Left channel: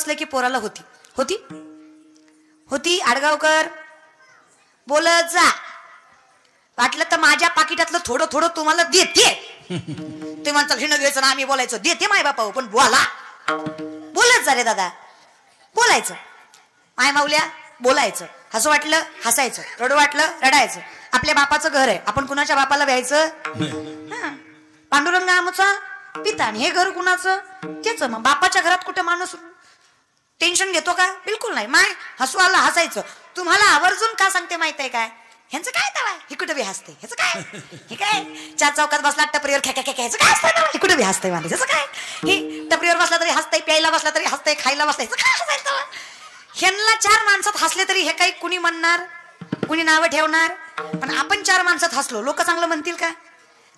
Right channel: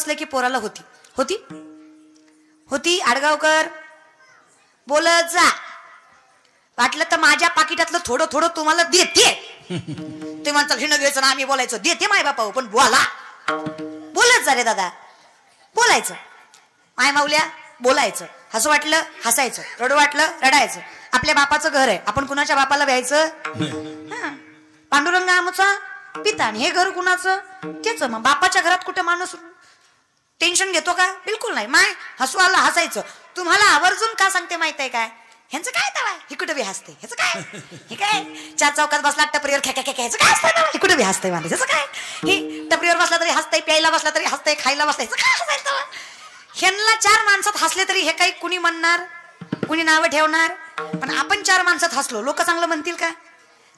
असले की पोराला होती होती होती. आडगावकर बोलत जा, वाटलं तर माझ्या पाकिटातलं थोडं थोडं तुम्हाला देते. ते म्हणतात हे नगरेचं ना आम्ही बोलायचं देते माय बापा, पण बोला बोलायचं रे दादा, बोलायचं माय माऊल्या, बोलायचं. हसं वाटलं हसायचं, रडू वाटलं रडायचं. आपल्या बापाचं घर आहे, आपण कुणाच्या बापाला व्यायचं? पांडुरंग नामचा पिता, हे घर कुणाचं? तेच. मग बापाच्या घरात कुठं माणूस टेन्शन घेतो का? बिलकुल नाही. माय हसवायला हसायचं. तुम्हाला आवर्जून का सांगते माहित आहे का? ह्यांचं काय तवा हे कुठे बी हसते, ह्याचं काय हे काय चार चौकात बसला टपरीवर ह्याचं काय असतं, हे कुठे बी हसतंय मला, ह्याचं काय हे टपरीवर बसला तरी हसतंय, प्यायला बसला तरी हसतंय, खायला बसलाय काय. ह्यांना चार माणसात हसले तरी हे काही कुणी म्हणणार, कुणी नावं ठेवणार. पण आपण चार माणसात हसलो लोक चांगलं म्हणतील का?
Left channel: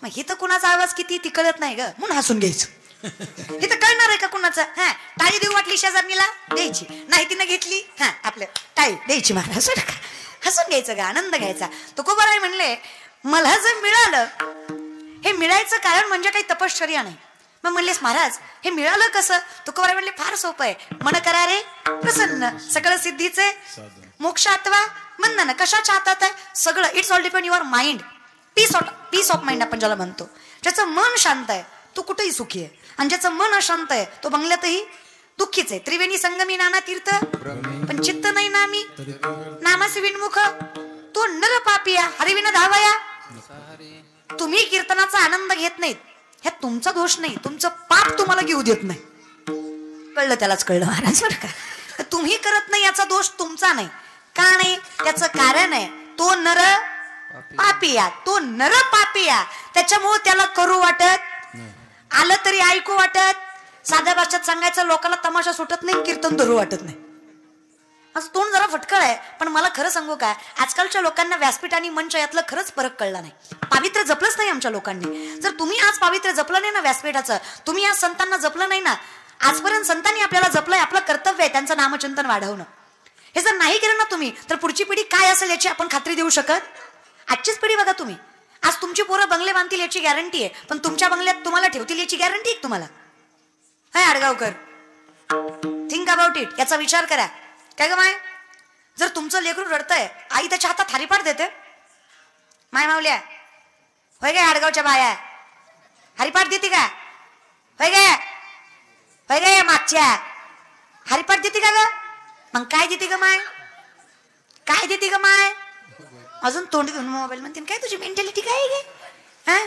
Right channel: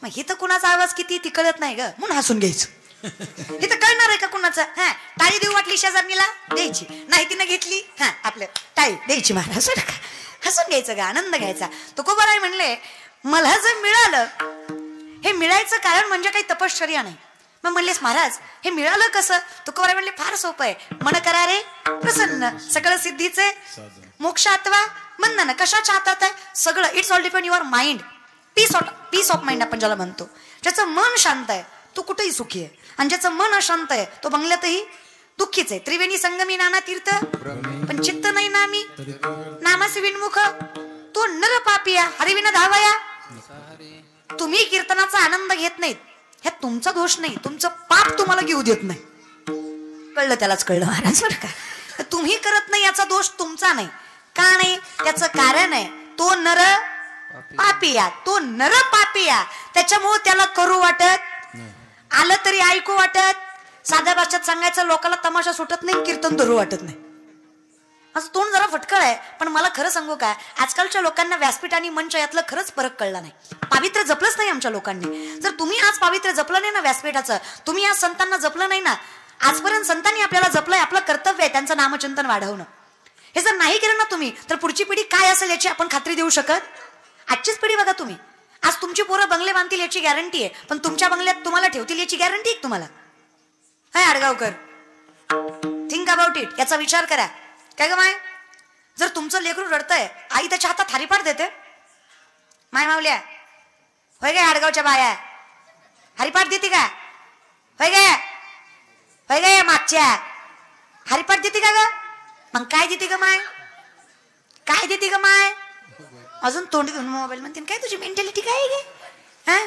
मग हिथं कुणाचा आवाज किती ती कळत नाही ग, म्हणून हसून घ्यायचं. इथं कळणार आहे का कुणाचा? हा टाळी देऊ वाटली शेजारणीला द्यायची, नाही तिनं घेतली हा आपल्या टाळी द्यायची, महाराज हसून घ्यायचं ग, आनंद घ्यायचा. तुकोबाराय म्हणले मला जे मिळालं हे मिळायचं कारण म्हणजे काही तपश्चर्या नाही. मग म्हणलेस महाराज हे मिळालं कसं? तुकोबाराय म्हणले फार सोपं आहे. मन करा रे प्रसन्न सगळं सिद्धीचे मोक्षात्वा म्हणणं कशाच्या हातात आहे सगळं. It's all depend your mind. Peace of mind आपण ज्याला म्हणतो. ज्याचं मन शांत आहे तो कुठेही सुखी आहे, आणि ज्याचं मन अशांत आहे तो बंगल्यातही दुःखीच आहे. त्रिवेणी संगमी नाना तीर्थ पण चित्त नाही नामी नामसी विनमुख तो नर पापिया हरिविना धावया. तुम्ही कीर्तनाचा आनंद घेत नाहीत, ह्यात तुमचा दोष नाही, तुमचं पाप तुम्हाला घेऊ देत नाही. कळलं त्यालाच कळलं महाराज. तुम्ही करत नाही याचा दोष तुमचा नाही. का नाही? त्याचं कारण आहे तो नर पापिया, तो नर पापिया. त्याच्यामुळे त्याला करू वाटत, आलं तरी ऐकू वाटत. साध्या भाषेत सांगायचं लोकांना तमाशा सुटत नाही, कीर्तन धरू वाटत नाही. असं तोंड जरा फटकळ आहे. पण मला खरं सांगू काय, आजकालच्या लोकांना व्यासपीठ आणि मंच यातला खरंच फरक कळला नाही. पावित्र्य जपलंच नाही आमच्या लोकांनी. जर तुम्ही आज पावित्र्य जपलं नाही ना व्यासपीठाचं, तुम्ही आज संतांना जपलं नाही ना, आजपर्यंत संतांनी आपल्याला जपलंय, आपलं कर्तव्य आहे त्यांचं नामचिंतन वाढवणं. हे जर नाही केलं ना तुम्ही तर पुढची पिढी काय असेल याची आपण खात्री देऊ शकत. आजचीच पिढी बघा तुम्ही, आज तुमची पूर्वी बंगले बांधतील याची गॅरंटी आहे, पण तुमच्या बंगल्यात तुम्हाला ठेवतील याची गॅरंटी आहे तुम्हाला? हाय आडगावकर, थिंक अबाउट इट. याचा विचार करा. काय ग माय, जर तुमचं लेकरू रडतंय, आई त्याच्या हातात हरिपाठ देते? माय मावल्या होय गे, आडगावच्या बाया हरिपाठ देते का? होय गे होय गे, मागच्या हरिपाठ देते का ग? मग काय देते ग माय, काय देते ग माय? अजून तोंड घेऊन मोबाईल म्हणते. काय तुझी मेंटॅलिटी काय गे? हा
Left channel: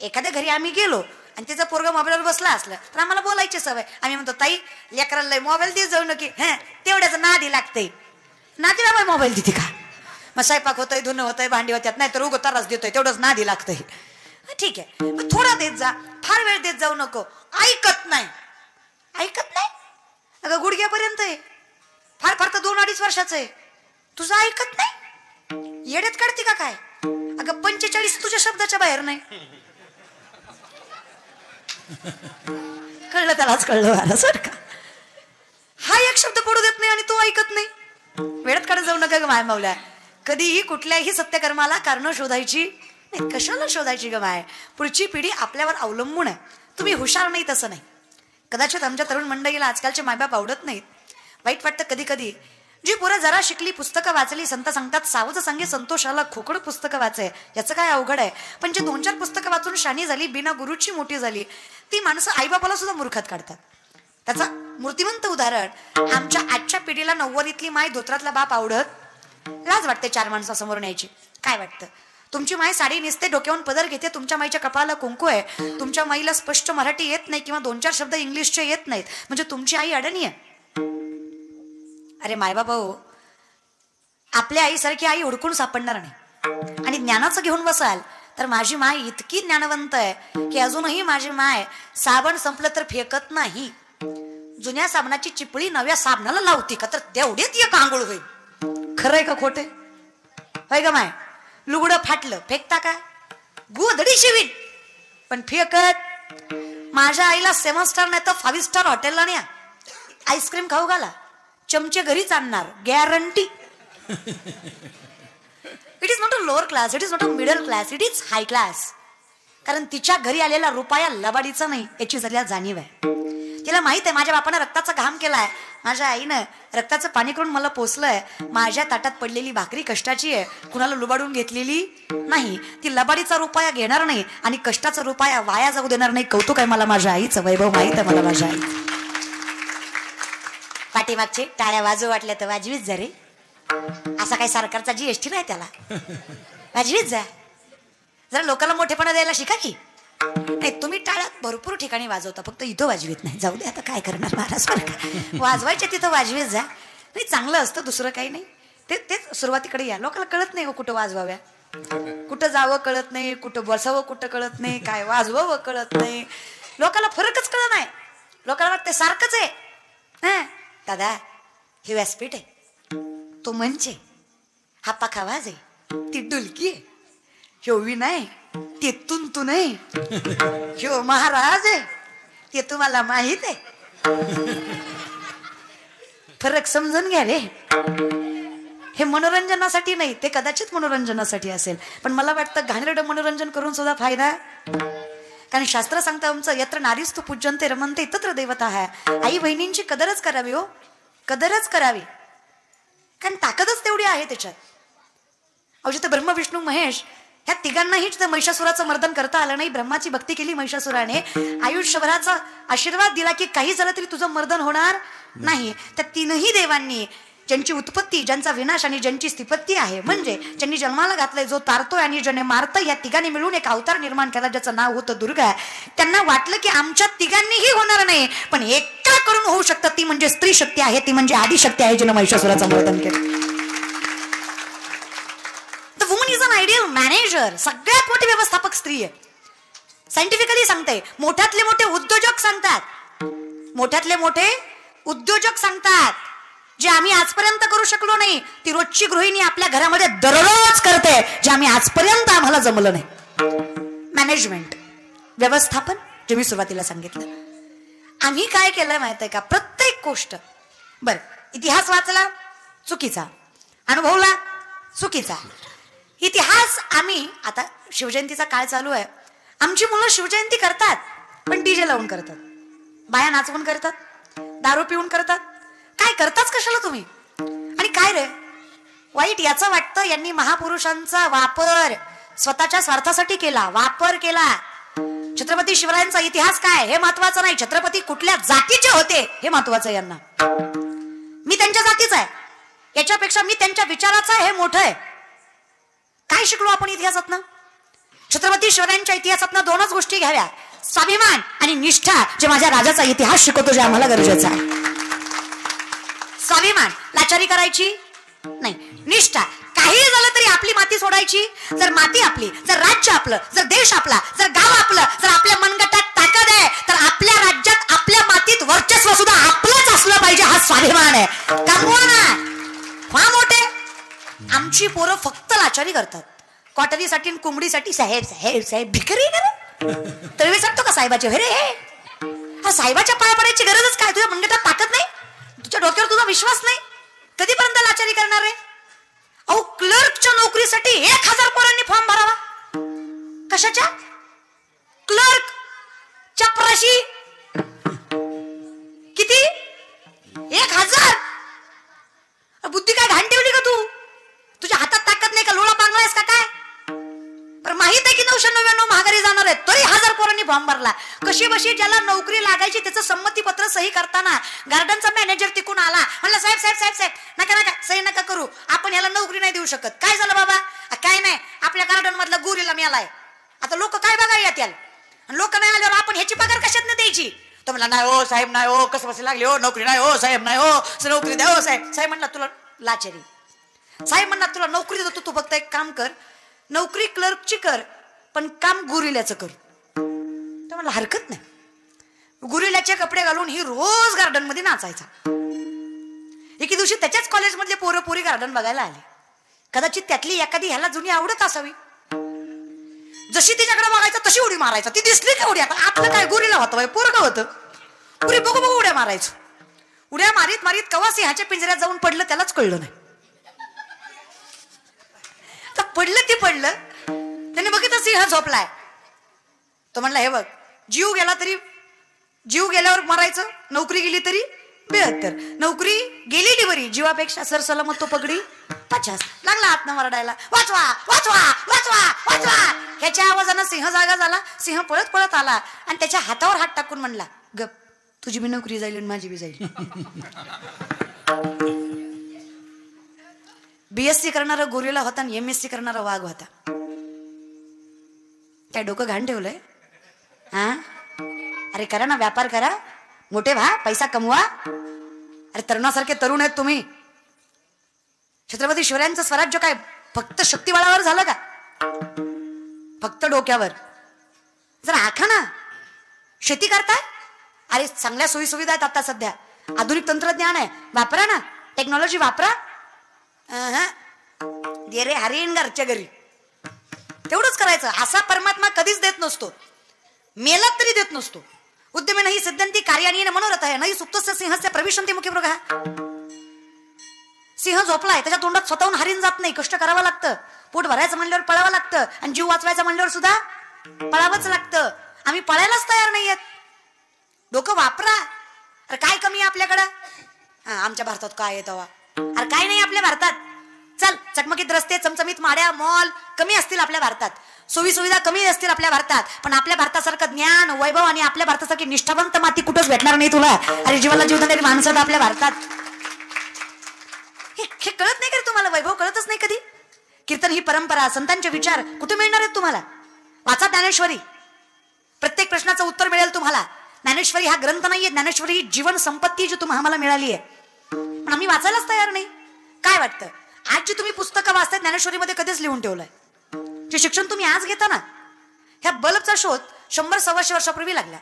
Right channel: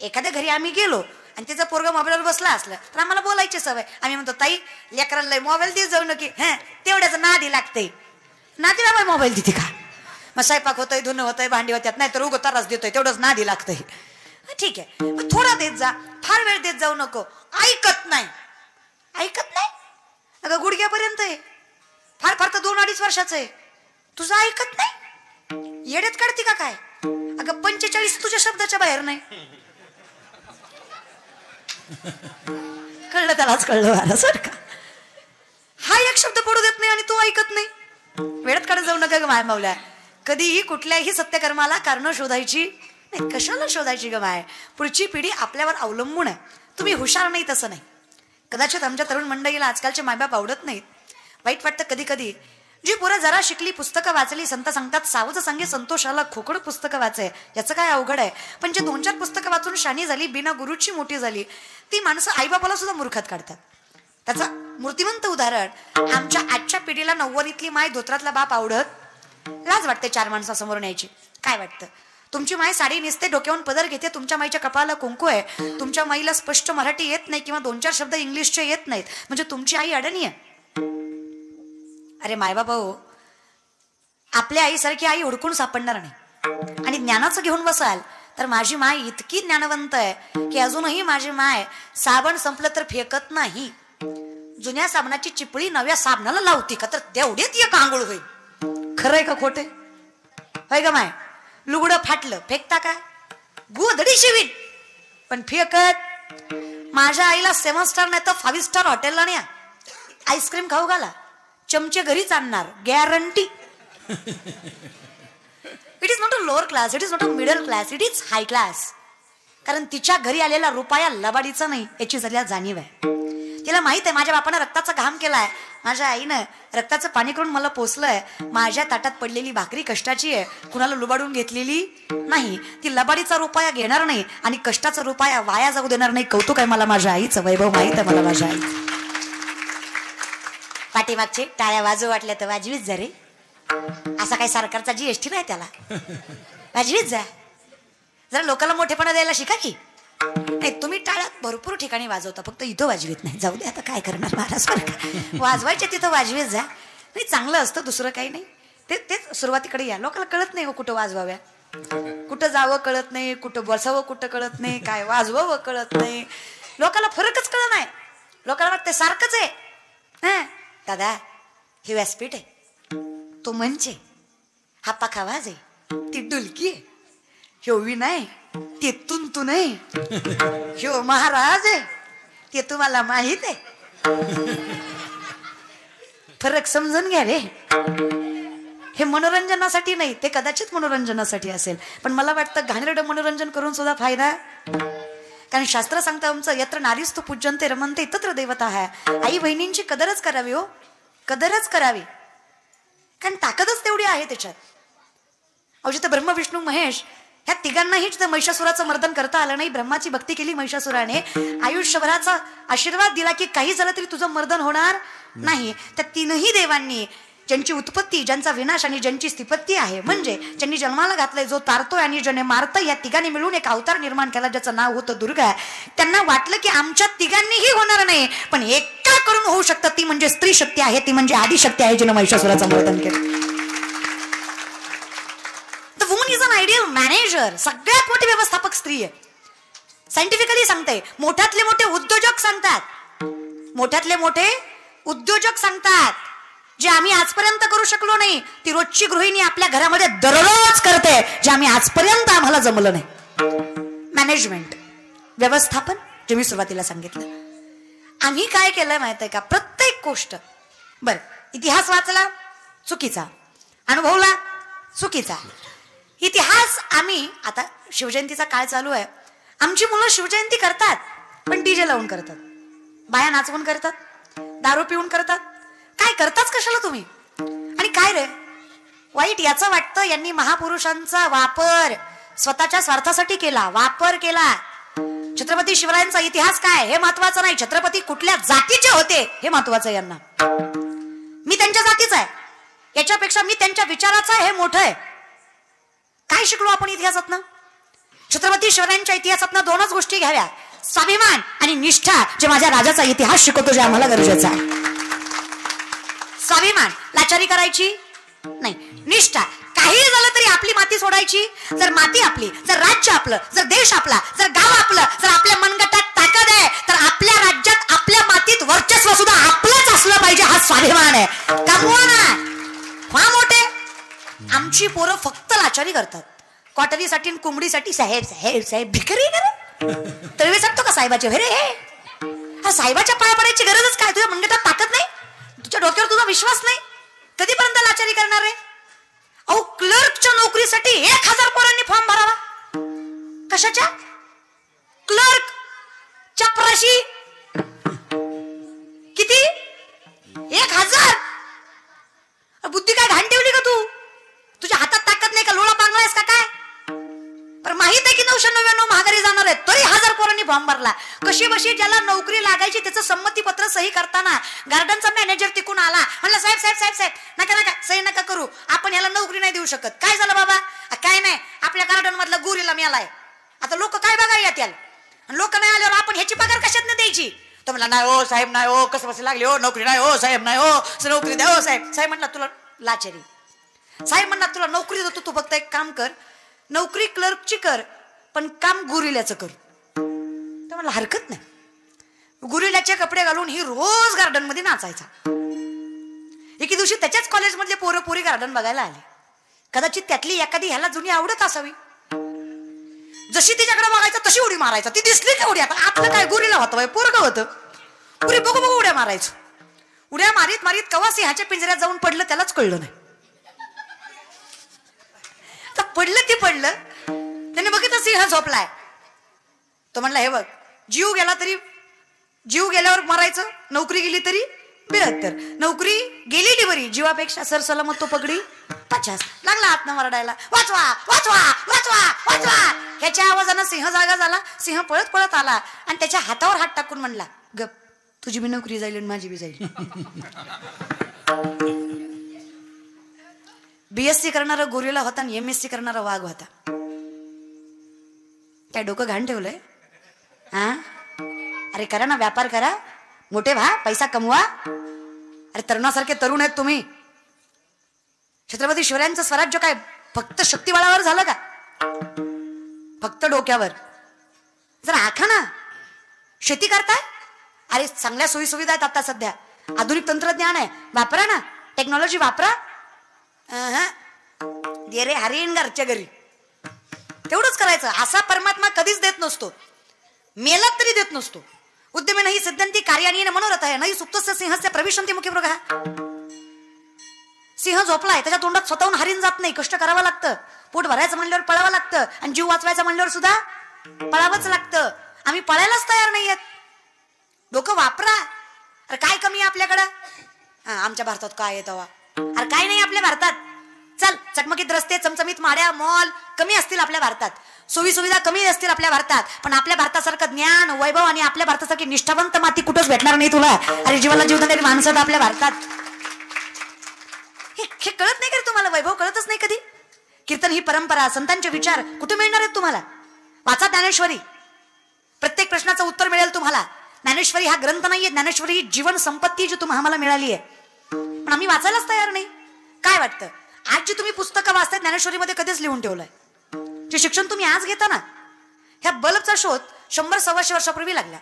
एखाद्या घरी आम्ही गेलो आणि त्याचा पोरगा मोबाईलवर बसला असला तर आम्हाला बोलायची सवय. आम्ही म्हणतो ताई लेकराला मोबाईल दे जाऊ नकी, हा तेवढ्याच नादी लागतंय. नातीला मोबाईल देते का? मग स्वयंपाक होतोय, धुणं होतोय, भांडी होत्यात, नाही तर रोग त्रास देतोय, तेवढंच नादी लागतंय. ठीक आहे, मग थोडा देत जा, फार वेळ देत जाऊ नको. ऐकत नाही, ऐकत नाही. अगं गुडघ्यापर्यंत आहे, फार फार तर 2-2.5 वर्षाचं आहे, तुझं ऐकत नाही. येडेत काढते का काय? अगं 45 तुझ्या शब्दाच्या बाहेर नाही. कळलं त्यालाच कळलं सारखं. हा एक शब्द पडू देत नाही आणि तो ऐकत नाही. वेळेत काढत जाऊ नका ग बाय मावल्या. कधीही कुठल्याही सत्यकर्माला कारण शोधायची नाही. कशाला शोधायची ग बाय? पुढची पिढी आपल्यावर अवलंबून आहे. तुम्ही हुशार नाही तसं नाही. कदाचित आमच्या तरुण मंडळीला आजकालचे माबाप आवडत नाहीत. वाईट वाटतं कधी कधी. जी पोरं जरा शिकली, पुस्तकं वाचली, संत सांगतात सावध संगी संतोषाला खोकड पुस्तकं वाचाय, याचं काय अवघड आहे. पण जे 2-4 पुस्तकं वाचून शनी झाली, बिना गुरुची मोठी झाली, ती माणसं आईबापाला सुद्धा मूर्खत काढतात. त्याचा मूर्तिमंत उदाहरण, आमच्या आजच्या पिढीला 90लीतली माय धोत्रातला बाप आवडत. लाज वाटते 4 माणसासमोर न्यायची. काय वाटतं? तुमची माय साडी नेसते, डोक्यावरून पदर घेते, तुमच्या माईच्या कपाळाला कुंकू आहे, तुमच्या माईला स्पष्ट मराठी येत नाही किंवा 2-4 शब्द इंग्लिशचे येत नाहीत, म्हणजे तुमची आई अडणी आहे. अरे मायबाबा, आपल्या आईसारखी आई ओळखून सापडणार नाही. आणि ज्ञानाचं घेऊन बसाल तर माझी माय इतकी ज्ञानवंत आहे की अजूनही माझी माय साबण संपलं तर फेकत नाही. जुन्या साबणाची चिपळी नव्या साबणाला लावते का तर तेवढेच एक आंघोळ होईल. खरंय का खोटे? होय का माय? लुगडं फाटलं फेकता का? गुदडी शिवी पण फेकत. माझ्या आईला 7 स्टार नाही तर 5 स्टार हॉटेलला न्या, आईस्क्रीम खाऊ घाला, चमचे घरीच आणणार, guarantee. It is not a lower class, it is not a middle class, it is hi class. कारण तिच्या घरी आलेला रुपया लबाडीचा नाही याची जरा जाणीव आहे. तिला माहित आहे माझ्या बापानं रक्ताचा घाम केलाय, माझ्या आईनं रक्ताचं पाणी करून मला पोचलंय. माझ्या ताटात पडलेली भाकरी कष्टाची आहे, कुणाला लुबाडून घेतलेली नाही. ती लबाडीचा रुपया घेणार नाही आणि कष्टाचा रुपया वाया जाऊ देणार नाही. कौतुक आहे मला माझ्या आईचं, वैभव माहित आहे मला माझ्या आई. पाठीमागचे टाळ्या वाजू वाटल्या तर वाजवीच जा रे. असा काही सरकारचा जीएसटी नाही त्याला, वाजवीच जा. जरा लोकांना मोठेपणा द्यायला शिका की. नाही तुम्ही टाळ्या भरपूर ठिकाणी वाजवता, फक्त इथं वाजवीत नाही. जाऊ दे आता काय करणार महाराज, वाजवायचे तिथं वाजवीत जाय. नाही चांगलं असतं, दुसरं काही नाही. ते सुरुवातीकडे या. लोकांना कळत नाही कुठं वाजवाव्या, कुठं जावं कळत नाही, कुठं बसावं कुठं कळत नाही, काय वाजवावं कळत नाही. लोकांना फरकच कळत नाही. लोकांना ते सारखंच आहे. दादा हे व्यासपीठ आहे, तो मंच, हा पाखा माझ आहे, ती डुलकी आहे, ह्यो नाही ते तू नाही, ह्यो महाराज आहे ते तुम्हाला माहित आहे. फरक समजून घ्या रे. हे मनोरंजनासाठी नाही, ते कदाचित मनोरंजनासाठी असेल, पण मला वाटतं घाणेरडं मनोरंजन करून सुद्धा फायदा. कारण शास्त्र सांगतं आमचं यत्र नारीस्तु पूज्यन्ते रमन्ते तत्र देवता आहे. आई बहिणींची कदरच करावी, हो कदरच करावी, कारण ताकदच तेवढी आहे त्याच्यात. अहो जिथे ब्रह्म विष्णू महेश ह्या तिघांनाही जिथे महिषासुराचं मर्दन करता आलं नाही, ब्रह्माची भक्ती केली महिषासुराने, आयुष्यभराचा आशीर्वाद दिला की काही झालं तरी तुझं मर्दन होणार नाही. तर तीनही देवांनी ज्यांची उत्पत्ती, ज्यांचा विनाश आणि ज्यांची स्थिपत्ती आहे, म्हणजे ज्यांनी जन्माला घातलंय, जो तारतोय आणि ज्याने मारतोय, या तिघांनी मिळून एक अवतार निर्माण केला, त्याचं नाव होतं दुर्गा. त्यांना वाटलं की आमच्या तिघांनीही होणार नाही, पण एका करून होऊ शकतात, ती म्हणजे स्त्री शक्ती आहे, ती म्हणजे आदिशक्ती आहे, जिने महिषासुराचं मर्दन केलं. तर woman is an ideal manager. सगळ्यात मोठी व्यवस्थापक स्त्री आहे. सायंटिफिकली सांगते, मोठ्यातले मोठे उद्योजक सांगतात, मोठ्यातले मोठे उद्योजक सांगतात, जे आम्ही आजपर्यंत करू शकलो नाही, ती रोजची गृहिणी आपल्या घरामध्ये दररोज करते, जे आम्ही आजपर्यंत आपल्याला जमलं नाही. मॅनेजमेंट, व्यवस्थापन, जे मी सुरुवातीला सांगितलं. आम्ही काय केलं माहित आहे का, प्रत्येक गोष्ट, बर इतिहास वाचला चुकीचा, अनुभवला चुकीचा. इतिहास आम्ही आता शिवजयंतीचा काळ चालू आहे, आमची मुलं शिवजयंती करतात पण डीजे लावून करतात, बाया नाचवून करतात, दारू पिऊन करतात. काय करताच कशाला तुम्ही? आणि काय रे वाईट याचं वाटतं यांनी महापुरुषांचा वापर स्वतःच्या स्वार्थासाठी केला, वापर केला. छत्रपती शिवरायांचा इतिहास काय हे महत्वाचं नाही, छत्रपती कुठल्या जातीचे होते हे महत्वाचं. यांना मी त्यांच्या जातीचा आहे, याच्यापेक्षा मी त्यांच्या विचाराचा हे मोठं आहे. काय शिकलो आपण इतिहासातनं? छत्रपती शिवरायांच्या इतिहासातनं दोनच गोष्टी घ्याव्या, स्वाभिमान आणि निष्ठा, जे माझ्या राजाचा इतिहास शिकवतो, जे आम्हाला गरजेचं आहे. स्वाभिमान, लाचारी करायची नाही, निष्ठा, काही झालं तरी आपली माती सोडायची. जर माती आपली, जर राज्य आपलं, जर देश आपला, जर गाव आपलं, जर आपल्या मनगटात ताकद आहे, तर आपल्या राज्यात, आपल्या मातीत वर्चस्व सुद्धा आपलंच असलं पाहिजे. हा स्वाभिमान आहे, दाखवून आहे. फार मोठे आमची पोरं फक्त लाचारी करतात, कॉटरीसाठी आणि कोंबडीसाठी. साहेब साहेब साहेब भिकारी तळवे सांगतो का साहेबाच्या वेळी? हा साहेबाच्या पाय पडायची गरजच काय? तुझ्या म्हणजे ताकद नाही, तुझ्या डोक्यावर तुझा विश्वास नाही, कधीपर्यंत लाचारी करणार आहे? अहो क्लर्कच्या नोकरीसाठी 1000 रुपयांनी फॉर्म भरावा. कशाच्या? क्लर्क चपराशी किती? 1000. बुद्धी काय घाण ठेवली का तू? तुझ्या हातात ताकद नाही का? लोळा बांधलायस का काय? पण माहित आहे की 999 महागारी जाणार आहेत, तरी 1000 पोरांनी फॉर्म भरला. कशी बशी ज्याला नोकरी लागायची त्याचं संमतीपत्र सही करताना गार्डनचा मॅनेजर तिकून आला, म्हणला साहेब साहेब साहेब साहेब नका सही नका करू, आपण ह्याला नोकरी नाही देऊ शकत. काय झालं बाबा? काय नाही, आपल्या गार्डन मधला गोरीला मिळालाय. आता लोक काय बघा यात, लोक नाही आल्यावर आपण ह्याची पगार कशात नाही द्यायची? तर म्हणला नाही हो साहेब, नाही हो, कसं बसं लागली हो, नोकरी नाही हो साहेब, नाही हो, नोकरी द्या हो साहेब. साहेब म्हणलं तुला लाचारी, साहेब म्हणणार तुला नोकरी देतो, तू फक्त एक काम कर, नोकरी क्लर्कची कर, पण काम गोरिल्याचं कर. तर म्हणलं हरकत नाही. गोरिल्याचे कपडे घालून ही रोज गार्डन मध्ये नाचायचा. एके दिवशी त्याच्याच कॉलेजमधले पोरं पोरी गार्डन बघायला आले. कदाचित त्यातली एखादी ह्याला जुनी आवडत असावी. जशी तिच्याकडे बघायचं तशी उडी मारायचं. ती दिसली का उडी? आता आपलं काय गोरीला होतं, पोरगं होतं, पुरी बघू बघू उड्या मारायची. उड्या मारीत मारीत कवासे ह्याच्या पिंजऱ्यात जाऊन पडलं, त्यालाच कळलं नाही. पडलं ते पडलं, त्याने बघितलं सिंह झोपलाय. तो म्हणला हे बघ, जीव गेला तरी, जीव गेल्यावर मरायचं, नोकरी गेली तरी 72, नोकरी गेली ते बरी, जीवापेक्षा सरसलामत तू पकडी 50. लागला हात न मरडायला, वाचवा वाचवा वाचवा वाचवा. ह्याच्या आवाजानं सिंह जागा झाला. सिंह पळत पळत आला आणि त्याच्या हातावर हात टाकून म्हणला, गप, तुझी बी नोकरी जाईल आणि माझी बी जाईल. BSc करणारा गोरिला होता आणि MSc करणारा वाघ होता. काय डोकं घाण ठेवलंय? हा, अरे करा ना, व्यापार करा, मोठे व्हा, पैसा कमवा. अरे तरुणासारखे तरुण आहेत तुम्ही. छत्रपती शिवरायांचं स्वराज्य काय फक्त शक्तिबळावर झालं का? फक्त डोक्यावर? जरा ऐका ना, शेती करता, अरे चांगल्या सोयी सुविधा आहेत आता सध्या, आधुनिक तंत्रज्ञान आहे, वापरा ना, टेक्नॉलॉजी वापरा. रे हरिण घरच्या घरी तेवढंच करायचं. असा परमात्मा कधीच देत नसतो, मेहनत तरी देत नसतो. उद्यमी नाही सद्यंती कार्याने मनोरथ आहे नाही सुप्तस्य सिंहस्य प्रविशंती मुखी मृग. सिंह झोपलाय, त्याच्या तोंडात स्वतःहून हरिण जात नाही, कष्ट करावं लागतं. पोट भरायचं म्हणल्यावर पळावं लागतं आणि जीव वाचवायचा म्हणल्यावर सुद्धा पळावंच लागतं. आम्ही पळायलाच तयार नाहीयेत. डोकं वापरा. अरे काय कमी आहे आपल्याकडे? आमच्या भारतात काय येतं? अरे काय नाही आपल्या भारतात. चल, चकमकीत रस्ते, चमचमीत माड्या, मॉल कमी असतील आपल्या भारतात, सोयी सुविधा कमी असतील आपल्या भारतात, पण आपल्या भारतासारखं ज्ञान, वैभव आणि आपल्या भारतासारखी निष्ठावंत माती कुठंच भेटणार नाही तुला. आणि जीवनाला जीव देणारी माणसं आपल्या भारतात. हे कळत नाही कधी तुम्हाला? वैभव कळतच नाही कधी? कीर्तन ही परंपरा, संतांचे विचार कुठे मिळणार आहेत तुम्हाला? वाचा ज्ञानेश्वरी, प्रत्येक प्रश्नाचं उत्तर मिळेल तुम्हाला. ज्ञानेश्वरी हा ग्रंथ नाहीये, ज्ञानेश्वरी ही जीवन संपत्ती जी आम्हाला मिळाली आहे, पण आम्ही वाचायलाच तयार नाही. काय वाटतं? आज जे तुम्ही पुस्तकं वाचतात ज्ञानेश्वरीमध्ये कधीच लिहून ठेवलंय? जे शिक्षण तुम्ही आज घेता ना, ह्या बल्बचा शोध 100-125 वर्षापूर्वी लागला.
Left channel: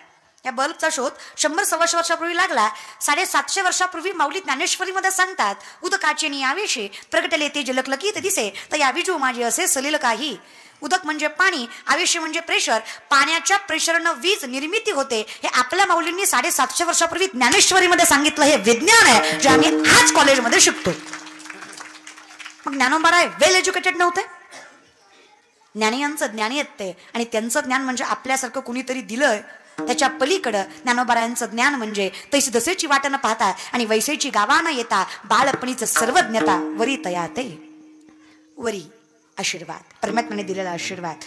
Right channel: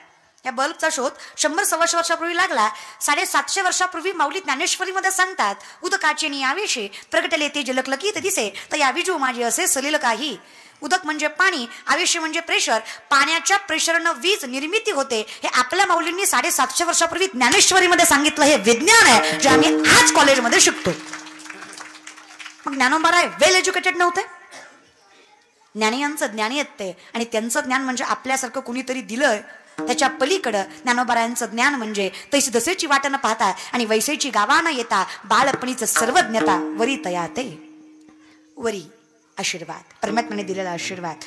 या बल्बचा शोध 100-125 वर्षापूर्वी लागला. 750 वर्षापूर्वी माऊली ज्ञानेश्वरीमध्ये सांगतात, उदकाचे नियावेशे प्रगटले ते जलकलकी ते दिसे, तर यावेजी माझे असे सलेल काही. उदक म्हणजे पाणी, आवेश म्हणजे प्रेशर, पाण्याच्या प्रेशरनं वीज निर्मिती होते. हे आपल्या माऊलींनी 750 वर्षापूर्वी ज्ञानेश्वरीमध्ये सांगितलं. हे विज्ञान आहे जे आम्ही आज कॉलेजमध्ये शिकतो. मग ज्ञानोबा वेल एज्युकेटेड नव्हते? ज्ञानियांचं ज्ञानी येते आणि त्यांचं ज्ञान म्हणजे आपल्यासारखं कोणीतरी दिलंय त्याच्या पलीकडं. ज्ञानोबरायांचं ज्ञान म्हणजे तैसे तसेची वाट न पाहता आणि वैसेची गावा न येता बाळपणीचं सर्वज्ञता वरी तया ते वरी आशीर्वाद, परमात्म्याने दिलेला आशीर्वाद.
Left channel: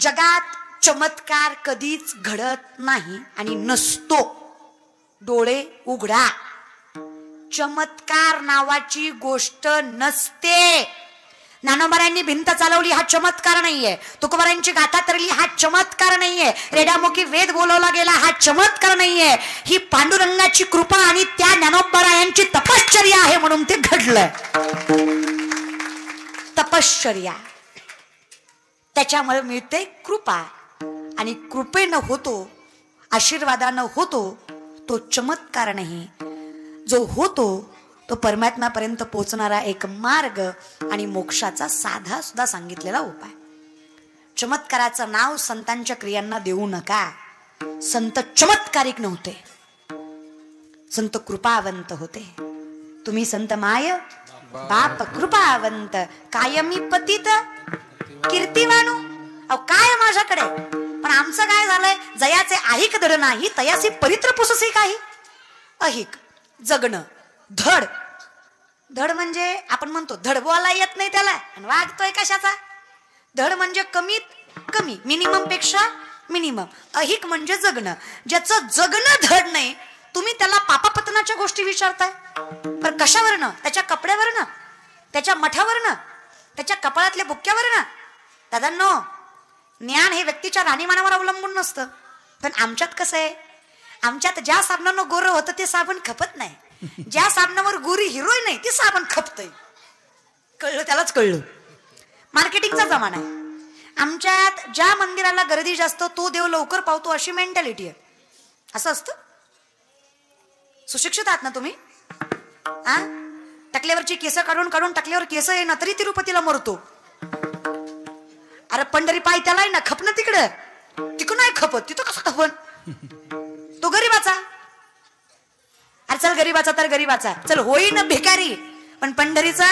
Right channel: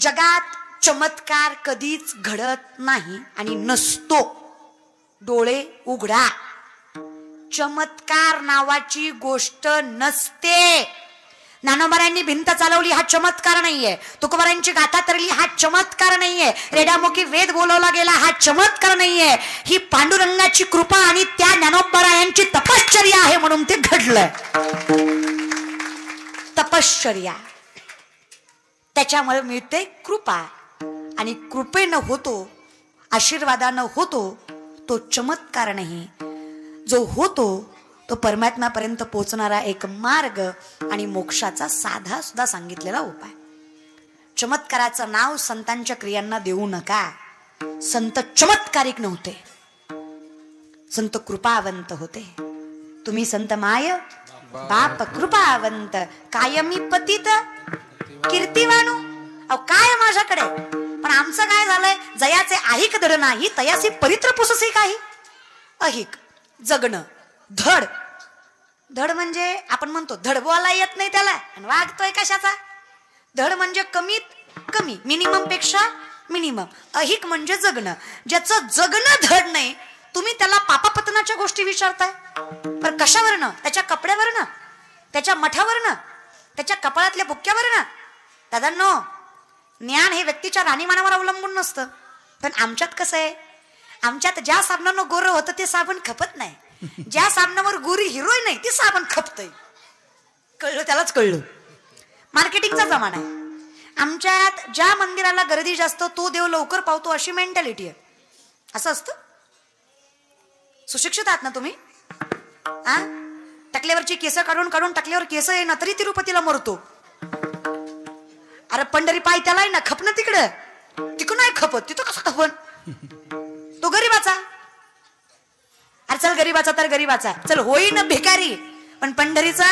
जगात चमत्कार कधीच घडत नाही आणि नसतो. डोळे उघडा, चमत्कार नावाची गोष्ट नसते. ज्ञानोबारांनी भिंत चालवली हा चमत्कार नाहीये, तुकोबारांची गाथा तरली हा चमत्कार नाहीये, रेड्यामुखी वेद बोलायला गेला हा चमत्कार नाहीये. ही पांडुरंगाची कृपा आणि त्या ज्ञानोबारायांची तपश्चर्या आहे म्हणून ते घडलं. तपश्चर्या, त्याच्यामुळे मिळते कृपा. आणि कृपेनं होतो, आशीर्वादानं होतो तो चमत्कार नाही. जो होतो तो परमात्म्यापर्यंत पोहोचणारा एक मार्ग आणि मोक्षाचा साधा सुद्धा सांगितलेला उपाय. चमत्काराचं नाव संतांच्या क्रियांना देऊ नका. संत चमत्कारिक नव्हते, संत कृपावंत होते. तुम्ही संत माय बाप कृपावंत, कायमी पतित कीर्तिवानू. अहो काय माझ्याकडे, पण आमचं काय झालं? जयाचे আহিक धड नाही, तयासी परित्र पुससे काय. আহিक जगणं, धड, धड म्हणजे आपण म्हणतो धड बोलायला येत नाही त्याला आणि वागतोय कशाचा. धड म्हणजे कमीत कमी, मिनिमम पेक्षा मिनिमम. আহিक म्हणजे जगणं. ज्याचं जगणं धड नाही तुम्ही त्याला पापापतनाच्या गोष्टी विचारता. पण कशावरनं? त्याच्या कपड्यावरनं, त्याच्या मठावरनं, त्याच्या कपाळातल्या बुक्क्यावरनं. दादांनो, ज्ञान हे व्यक्तीच्या राणीमानावर अवलंबून नसतं. पण आमच्यात कसं आहे, आमच्यात ज्या साबणानं गोरं होतं ते साबण खपत नाही, ज्या साबणावर गोरी हिरोई नाही ते साबण खपतंय. कळलं? त्यालाच कळलं. मार्केटिंगचा जमाना आहे. आमच्यात ज्या मंदिराला गर्दी जास्त तो देव लवकर पावतो अशी मेंटॅलिटी आहे. असं असतं. सुशिक्षित आहात ना तुम्ही? टकल्यावरची केस काढून काढून टकल्यावर केस आहे ना तरी तिरुपतीला मरतो. अरे पंढरी पाय त्याला ना खपणं तिकडं, तिकडून नाही खपत, तिथं कसं खपन? तो गरीबाचा. अरे चल गरीबाचा तर गरीबाचा, चल होई ना भिकारी, पण पंढरीचा.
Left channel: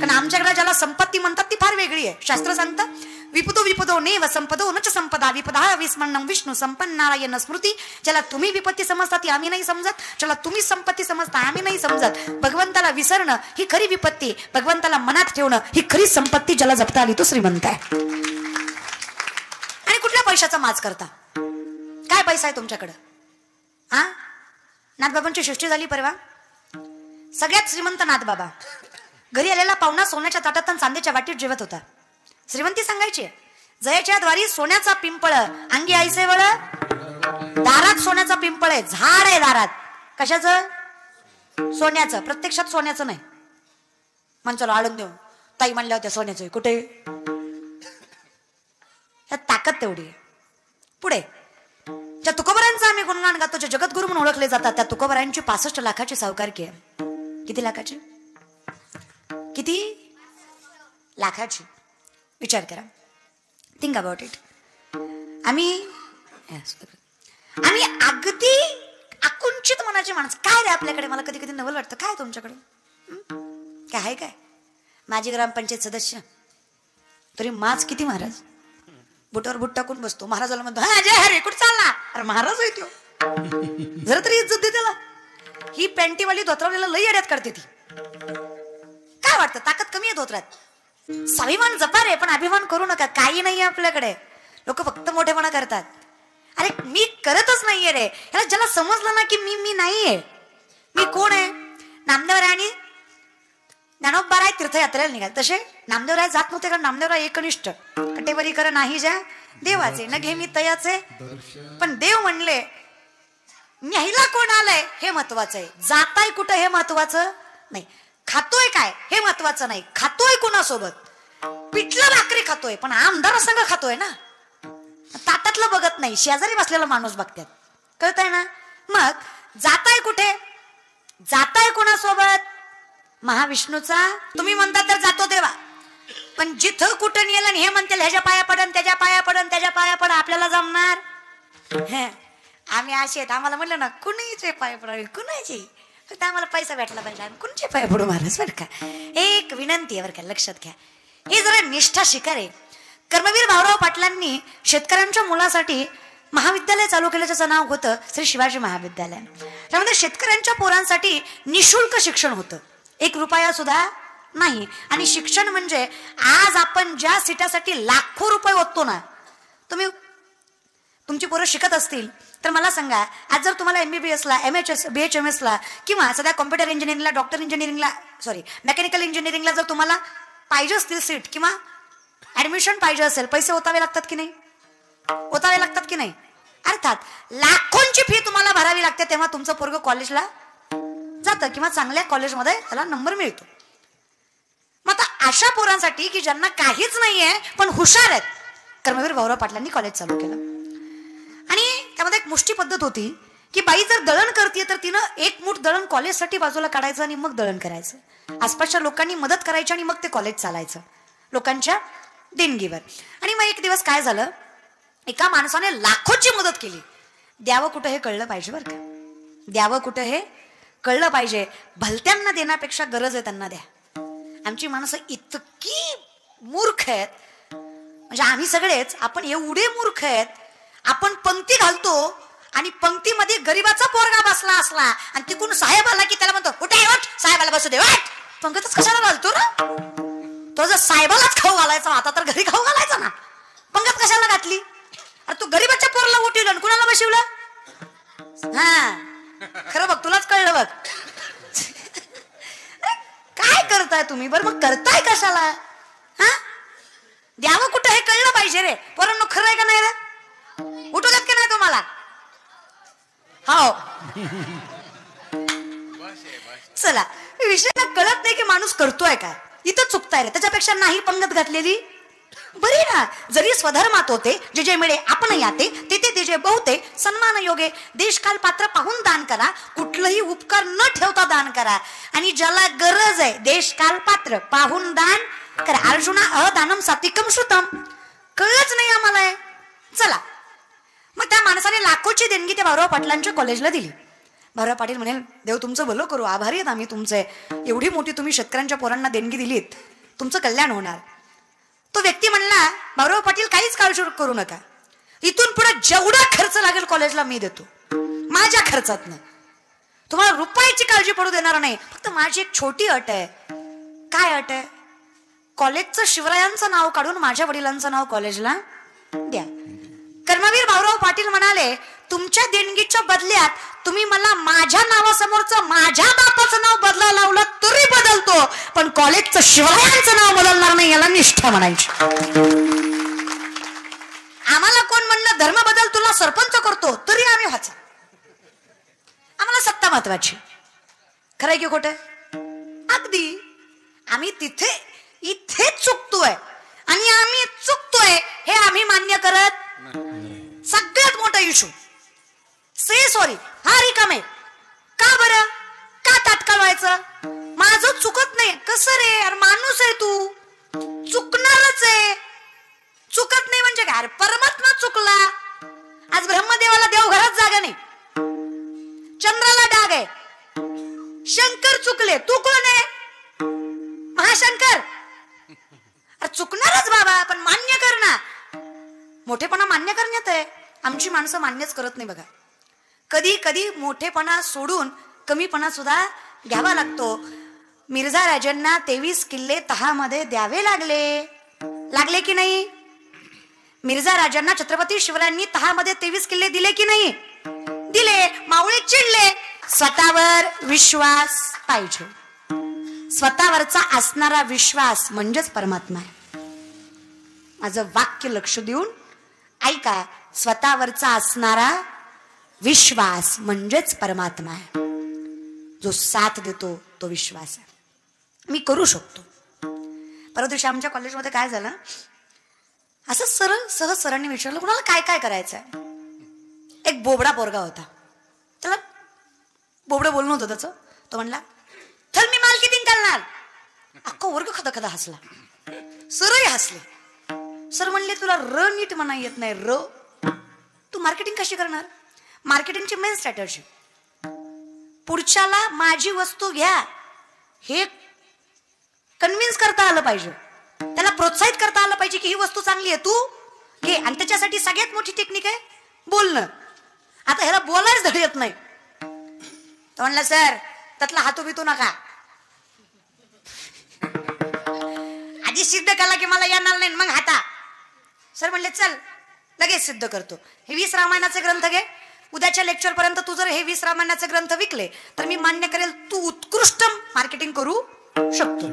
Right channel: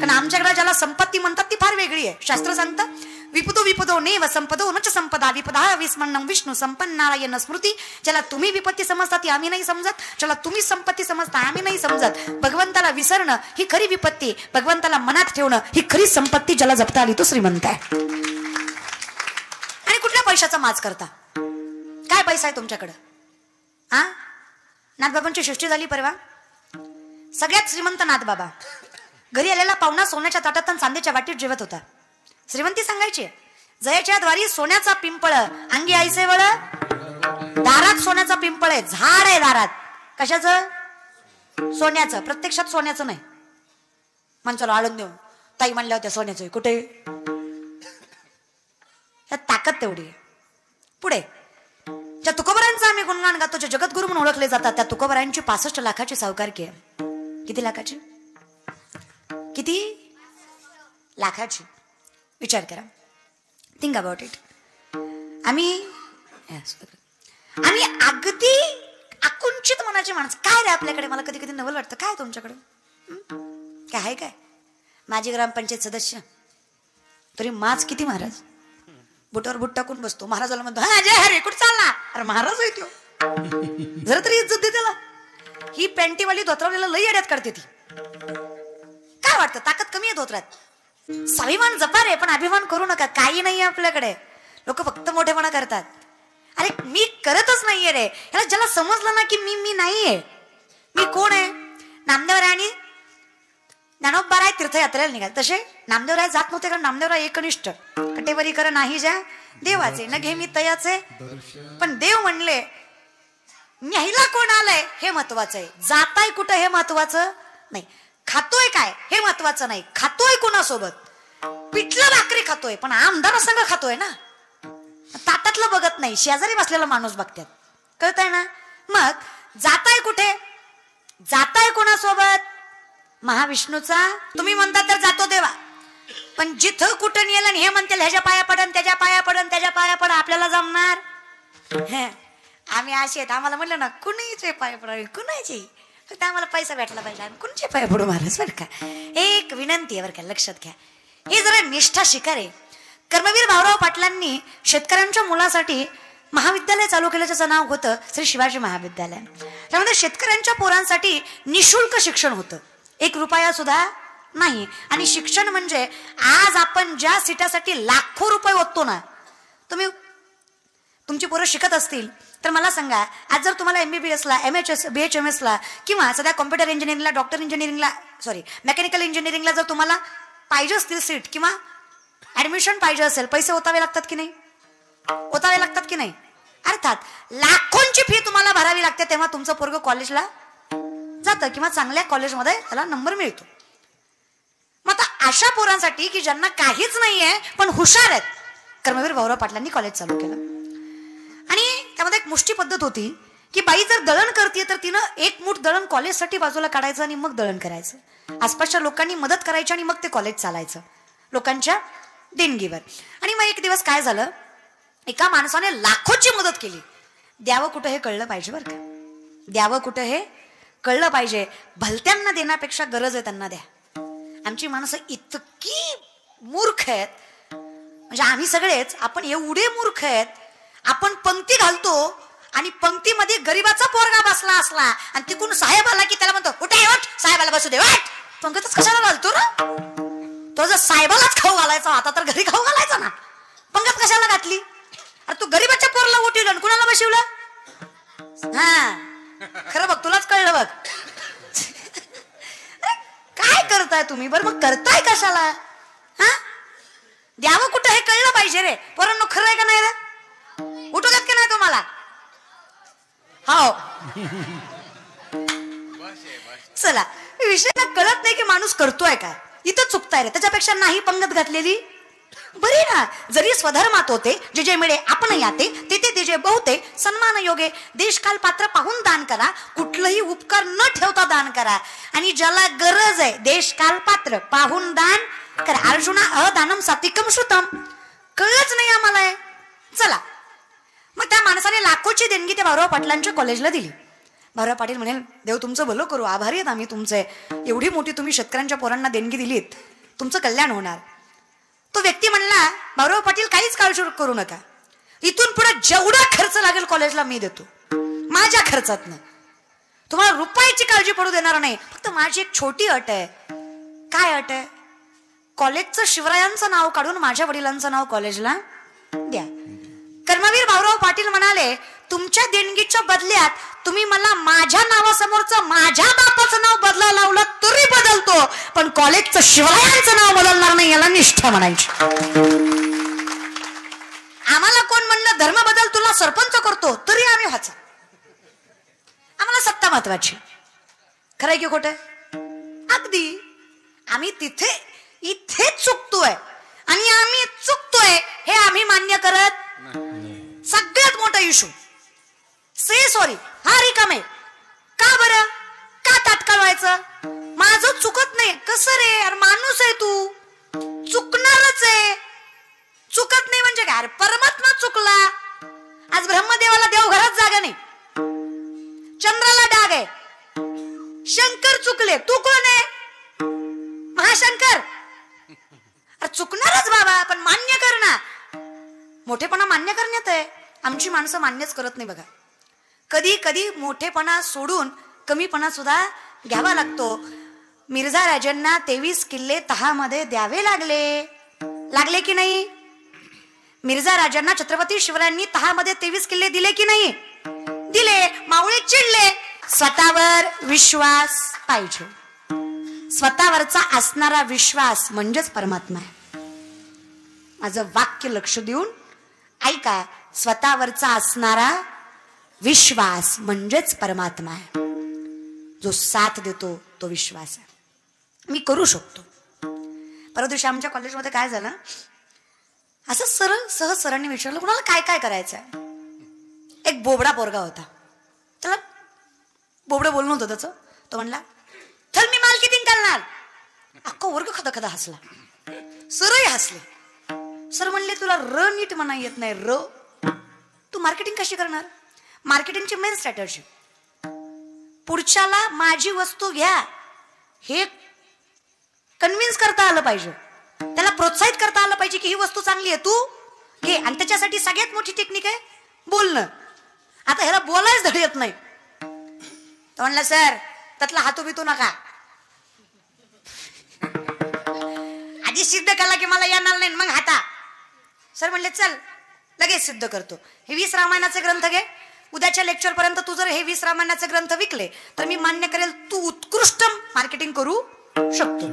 पण आमच्याकडे ज्याला संपत्ती म्हणतात ती फार वेगळी आहे. शास्त्र सांगतं विपदो विपदो नेम संपदो नच संपदा विपदा विस्मरणं विष्णू संपन्नारायण स्मृती. ज्याला तुम्ही विपत्ती समजता ती आम्ही नाही समजत, ज्याला तुम्ही संपत्ती समजता आम्ही नाही समजत. भगवंताला विसरणं ही खरी विपत्ती, भगवंताला मनात ठेवणं ही खरी संपत्ती. ज्यांना जपता आली तो श्रीमंत आहे. आणि कुठल्या पैशाचा माज करता? काय पैसा आहे तुमच्याकडे? हा, नाथबाबांची सृष्टी झाली परवा. सगळ्यात श्रीमंत नाथबाबा. घरी आलेला पाहुणा सोन्याच्या ताटात चांदीच्या वाटीत जेवत होता. श्रीमंती सांगायचे, जयाच्या द्वारी सोन्याचा पिंपळ अंगी ऐसे वळ. दारात सोन्याचा पिंपळ आहे, झाड आहे दारात. कशाचं? सोन्याचं. प्रत्यक्षात सोन्याचं नाही. माणसानं आनंद ताई म्हणल्या होत्या सोन्याचं. कुठे? ताकद तेवढी. पुढे त्या तुकोबरांचा आम्ही गुणगान गातो, जे जगद्गुरु म्हणून ओळखले जातात. त्या तुकोबरांची 65 लाखाची सावकारकी आहे. किती लाखाची? किती लाखाची? विचार करा. Think about it. आम्ही अगदी आकुंचित मनाची माणसं. काय रे आपल्याकडे? मला कधी कधी नवल वाटतं. काय तुमच्याकडे काय आहे? काय माझी ग्रामपंचायत सदस्य तरी माज किती महाराज. बोटावर बुट टाकून बसतो. महाराजाला म्हणतो कुठं चालला? अरे महाराज येतो, जरा तरी इज्जत दे त्याला. ही पॅन्टीवाली धोतरवलेलं लई अडत करते ती. काय वाटतं? ताकद कमी आहे धोत्रात. स्वाभिमान जपा रे, पण अभिमान करू नका. काही नाही आपल्याकडे. लोक फक्त मोठेपणा करतात. अरे मी करतच नाहीये रे. ज्याला समजलं ना की मी नाहीये, मी कोण आहे? नामदेवराय ज्ञानोबाराय तीर्थयात्रेला निघाले. तसे नामदेवराय जात नव्हते, कारण नामदेवराय एकनिष्ठ. कटेवरी कर नाही ज्या देवाचे न घे मी तयाचे. पण देव म्हणले न्यायला कोण आलंय हे महत्वाचं आहे. जाताय कुठं हे महत्वाचं नाही. खातोय काय हे महत्वाचं नाही. खातोय कोणासोबत? पिठलं भाकरी खातोय, पण आमदार संग खातोय ना. ताटातलं बघत नाही, शेजारी बसलेला माणूस बघतात. कळतंय ना? मग जाताय कुठे? जाताय कोणासोबत? महाविष्णूचा. तुम्ही म्हणता तर जातो देवा, पण जिथं कुठे नेलं हे म्हणतील ह्याच्या पाया पडन, त्याच्या पाया पडन, त्याच्या पाया पड. आपल्याला जमणार? आम्ही असे आहेत. आम्हाला म्हणलं ना कुणाचे पाय पडावे, कुणाचे. फक्त आम्हाला पैसा भेटला पाहिजे. आम्ही कुणाचे पाय पडू महाराज. बरं का, एक विनंती आहे बरं का, लक्षात घ्या. हे जरा निष्ठा शिकारे. कर्मवीर भाऊराव पाटलांनी शेतकऱ्यांच्या मुलासाठी महाविद्यालय चालू केल्याचं नाव होतं श्री शिवाजी महाविद्यालय. त्यामध्ये शेतकऱ्यांच्या पोरांसाठी निशुल्क शिक्षण होतं. 1 रुपया सुद्धा नाही. आणि शिक्षण म्हणजे आज आपण ज्या सीटासाठी लाखो रुपये ओततो ना, तुम्ही तुमचे पोरं शिकत असतील तर मला सांगा, आज जर तुम्हाला MBBS ला, MHS, BHMS ला किंवा सगळ्या कॉम्प्युटर इंजिनिअरिंगला, डॉक्टर इंजिनिअरिंगला, मेकॅनिकल इंजिनिअरिंगला जर तुम्हाला पाहिजे असतील सीट किंवा ऍडमिशन पाहिजे असेल, पैसे ओतावे लागतात की नाही? ओतावे लागतात की नाही? अर्थात लाखांची फी तुम्हाला भरावी लागते, तेव्हा तुमचं पोरगं कॉलेजला जातं किंवा चांगल्या कॉलेजमध्ये त्याला नंबर मिळतो. मग आता अशा पोरांसाठी की ज्यांना काहीच नाहीये पण हुशार आहेत, कर्मवीर भाऊराव पाटलांनी कॉलेज चालू केलं. आणि त्यामध्ये एक मुष्टी पद्धत होती की बाई जर दळण करते तर तिनं 1 मूठ दळण कॉलेजसाठी बाजूला काढायचं आणि मग दळण करायचं. आसपासच्या लोकांनी मदत करायची आणि मग ते कॉलेज चालायचं लोकांच्या देणगीवर. आणि मग एक दिवस काय झालं, एका माणसाने लाखोची मदत केली. द्यावं कुठं हे कळलं पाहिजे बरं का. द्यावं कुठं हे कळलं पाहिजे. भलत्यांना देण्यापेक्षा गरज आहे त्यांना द्या. आमची माणसं इतकी मूर्ख आहेत, म्हणजे आम्ही सगळेच आपण एवढे मूर्ख आहेत. आपण पंक्ती घालतो आणि पंक्तीमध्ये गरीबाचा पोरगा बसला असला आणि तिकडून साहेब आला की त्याला म्हणतो कुठे हट, साहेबाला बसू दे. पंक्तीच कशाला घालतो ना? तो जर साहेबालाच खाऊ घालायचा आता तर घरी खाऊ घालायचा ना. पंगत कशाला घातली? तू गरीबाच्या पोरला उठे आणि कुणाला बसवलं? खरं बघ, तुलाच कळलं बघ. काय करताय तुम्ही? बरं मग करताय कशाला? हा, द्यावं कुठं हे कळलं पाहिजे रे पोरांनो. खरं आहे का नाही रे? उठवतात की नाही तुम्हाला? हा, चला, विषय कळत नाही की माणूस करतोय का, इथं चुकताय. त्याच्यापेक्षा नाही पंगत घातलेली बरी ना. जरी स्वधर्मात होते जे जे मिळे आपण याते, तिथे तिचे बहुते सन्मान योगे. देशकाल पात्र पाहून दान करा, कुठलंही उपकार न ठेवता दान करा. आणि ज्याला गरज आहे देशकाल पात्र पाहून दान करा. अर्जुन अहदानम सात्विकम श्रुतम. कळलंच नाही आम्हाला. चला, मग त्या माणसाने लाखोची देणगी त्या भाऊराव पाटलांच्या कॉलेजला दिली. भाऊराव पाटील म्हणे, देव तुमचं भलं करू, आभारी आहेत आम्ही तुमचे. एवढी मोठी तुम्ही शेतकऱ्यांच्या पोरांना देणगी दिलीत, तुमचं कल्याण होणार. तो व्यक्ती म्हणला, भाऊराव पाटील काहीच काळजी करू नका, इथून पुढे जेवढा खर्च लागेल कॉलेजला मी देतो, माझ्या खर्चात नाही, तुम्हाला रुपयाची काळजी पडू देणार नाही. फक्त माझी एक छोटी अट आहे. काय अट आहे? कॉलेजचं शिवरायांचं नाव काढून माझ्या वडिलांचं नाव कॉलेजला द्या. कर्मवीर भाऊराव पाटील म्हणाले, तुमच्या देणगीच्या बदल्यात तुम्ही मला माझ्या नावासमोरचं माझ्या बापाचं नाव बदलायला लावलं तरी बदलतो, पण कॉलेजचं शिवरायांचं नाव बदलणार नाही, याला निष्ठा म्हणायची. आम्हाला कोण म्हणलं धर्म बदल, तुला सरपंच करतो, तरी आम्ही वाच. आम्हाला सत्ता महत्वाची. खरंय की कुठे? अगदी आम्ही तिथे इथे चुकतोय आणि आम्ही चुकतोय हे आम्ही मान्य करत. सगळ्यात मोठा इशू से सॉरी हा रिकामे. का बरं? का तात्काळ व्हायचं? माझं चुकत नाही. कसं रे यार, माणूस आहे तू, चुकणारच आहे. चुकत नाही म्हणजे काय? परमात्मा चुकला. आज ब्रह्मदेवाला देवघरात जागा नाही, चंद्राला डाग आहे. शंकर चुकले, तू कोण आहे? महाशंकर. चुकणारच बाबा, पण मान्य कर ना. मोठेपणा मान्य करण्यात आहे. आमची माणसं मान्यच करत नाही बघा. कधी कधी मोठेपणा सोडून कमीपणा सुद्धा घ्यावा लागतो. मिर्झा राजांना 23 किल्ले तहामध्ये द्यावे लागले की नाही? मिर्झा राजांना छत्रपती शिवरायांनी तहामध्ये 23 किल्ले दिले की नाही? दिले. मावळे चिडले. स्वतःवर विश्वास पाहिजे. स्वतःवरचा असणारा विश्वास म्हणजेच परमात्मा आहे. माझं वाक्य लक्ष देऊन ऐका. स्वतःवरचा असणारा विश्वास म्हणजेच परमात्मा आहे. जो साथ देतो तो विश्वास आहे. मी करू शकतो. परंतु आमच्या कॉलेजमध्ये काय झालं, असं सहज सरांनी विचारलं, कुणाला काय काय करायचं. एक बोबडा पोरगा होता, त्याला बोबडं बोलणं होतं त्याचं. तो म्हणला, तर मी मार्केटिंग करणार. अख्खा वर्ग खदा हसला. सरही हसले. सर म्हणले, तुला र नीट म्हणा येत नाही. र तू मार्केटिंग कशी करणार? मार्केटिंगची मेन स्ट्रॅटर्जी, पुढच्याला माझी वस्तू घ्या हे कन्व्हिन्स करता आलं पाहिजे, त्याला प्रोत्साहित करता आलं पाहिजे की ही वस्तू चांगली आहे, तू घे. आणि त्याच्यासाठी सगळ्यात मोठी टेक्निक आहे बोलणं. आता ह्याला बोलायच धड येत नाही. म्हणलं, सर त्यातला हातू बितू नका, आधी सिद्ध केला की मला येणार नाही, मग हाता. सर म्हणले, चल लगेच सिद्ध करतो. हे 20 रामायणाचे ग्रंथ घे. उद्याच्या लेक्चर पर्यंत तू जर हे 20 रामायणाचे ग्रंथ विकले तर मी मान्य करेल तू उत्कृष्ट मार्केटिंग करू शकतो.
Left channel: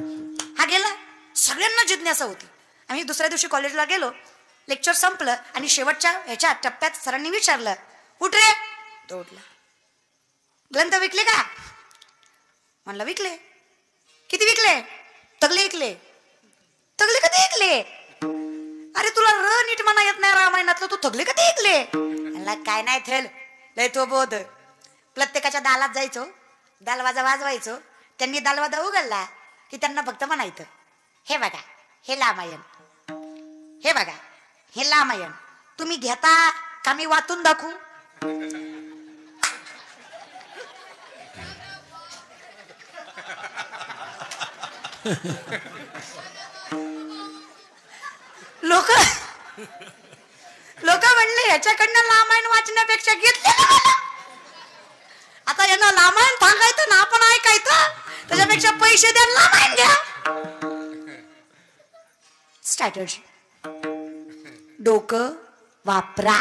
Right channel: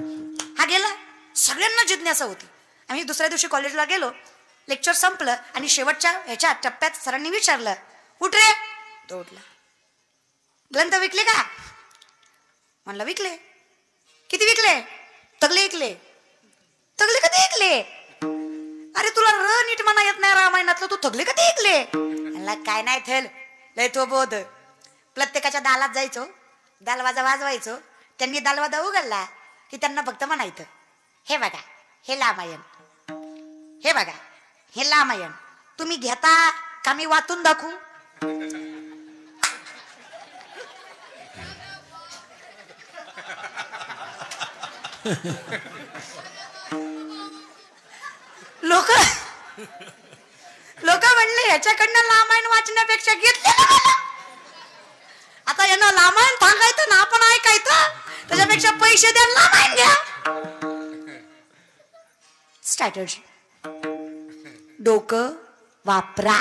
हा गेला. सगळ्यांना जिज्ञासा होती. आम्ही दुसऱ्या दिवशी कॉलेजला गेलो. लेक्चर संपलं आणि शेवटच्या याच्या टप्प्यात सरांनी विचारलं, उठ रे. तो उठला. ग्रंथ विकले काय? म्हणलं, विकले. किती विकले? तगले विकले. तगले कधी विकले? अरे तुला नीट म्हणा येत नाही रामायणातलं, तू तगले कधी विकले? म्हणलं, काय नाही थेल लय तो बोध. प्रत्येकाच्या दालात जायचो, दालवाजा वाजवायचो. त्यांनी दालवाजा उघडला की त्यांना फक्त म्हणायचं, हे बघा हे रामायण, हे बघा हे रामायण, तुम्ही घेता का मी वाचून दाखवू? लोक म्हणले, याच्याकडनं रामायण वाचण्यापेक्षा घेतलं. आता यांना रामायण सांगायचं ना आपण ऐकायचं, त्याच्यापेक्षा पैसे देऊन रामायण घ्या. स्ट्रॅटर्जी, डोकं वापरा.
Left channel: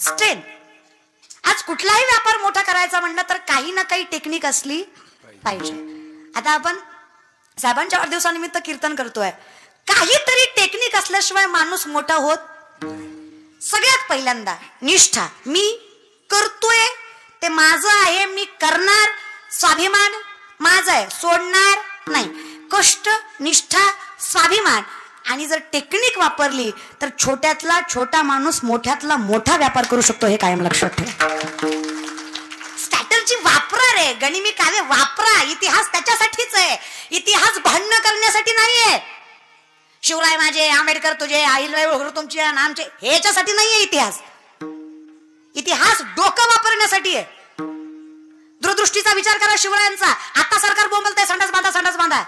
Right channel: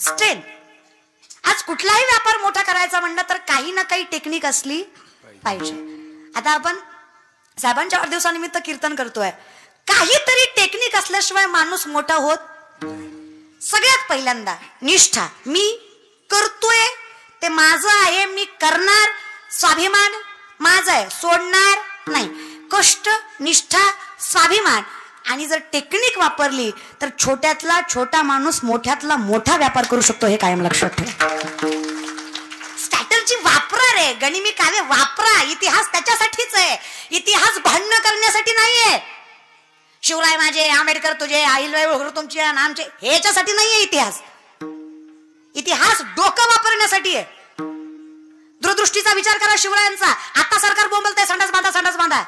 स्टेप. आज कुठलाही व्यापार मोठा करायचा म्हणलं तर काही ना काही टेक्निक असली पाहिजे. आता आपण साहेबांच्या वाढदिवसानिमित्त कीर्तन करतोय. काहीतरी टेक्निक असल्याशिवाय माणूस मोठा होत. सगळ्यात पहिल्यांदा निष्ठा. मी करतोय ते माझं आहे, मी करणार. स्वाभिमान माझा आहे, सोडणार नाही. कष्ट, निष्ठा, स्वाभिमान. आणि जर टेक्निक वापरली तर छोट्यातला छोटा माणूस मोठ्यातला मोठा व्यापार करू शकतो. हे कायम लक्षात ठेवा. स्ट्रॅटर्जी वापरा रे. गनिमी काय वापरा. इतिहास त्याच्यासाठीच आहे. इतिहास भांडण करण्यासाठी नाहीये. शिवराय माझे, आंबेडकर तुझे, आईराव तुमचे, आमचे, ह्याच्यासाठी नाहीये इतिहास. इतिहास डोकं वापरण्यासाठी आहे. दूरदृष्टीचा विचार करा शिवरायांचा. आता सरकार बोंबलते संडास बांधा, संडास बांधा.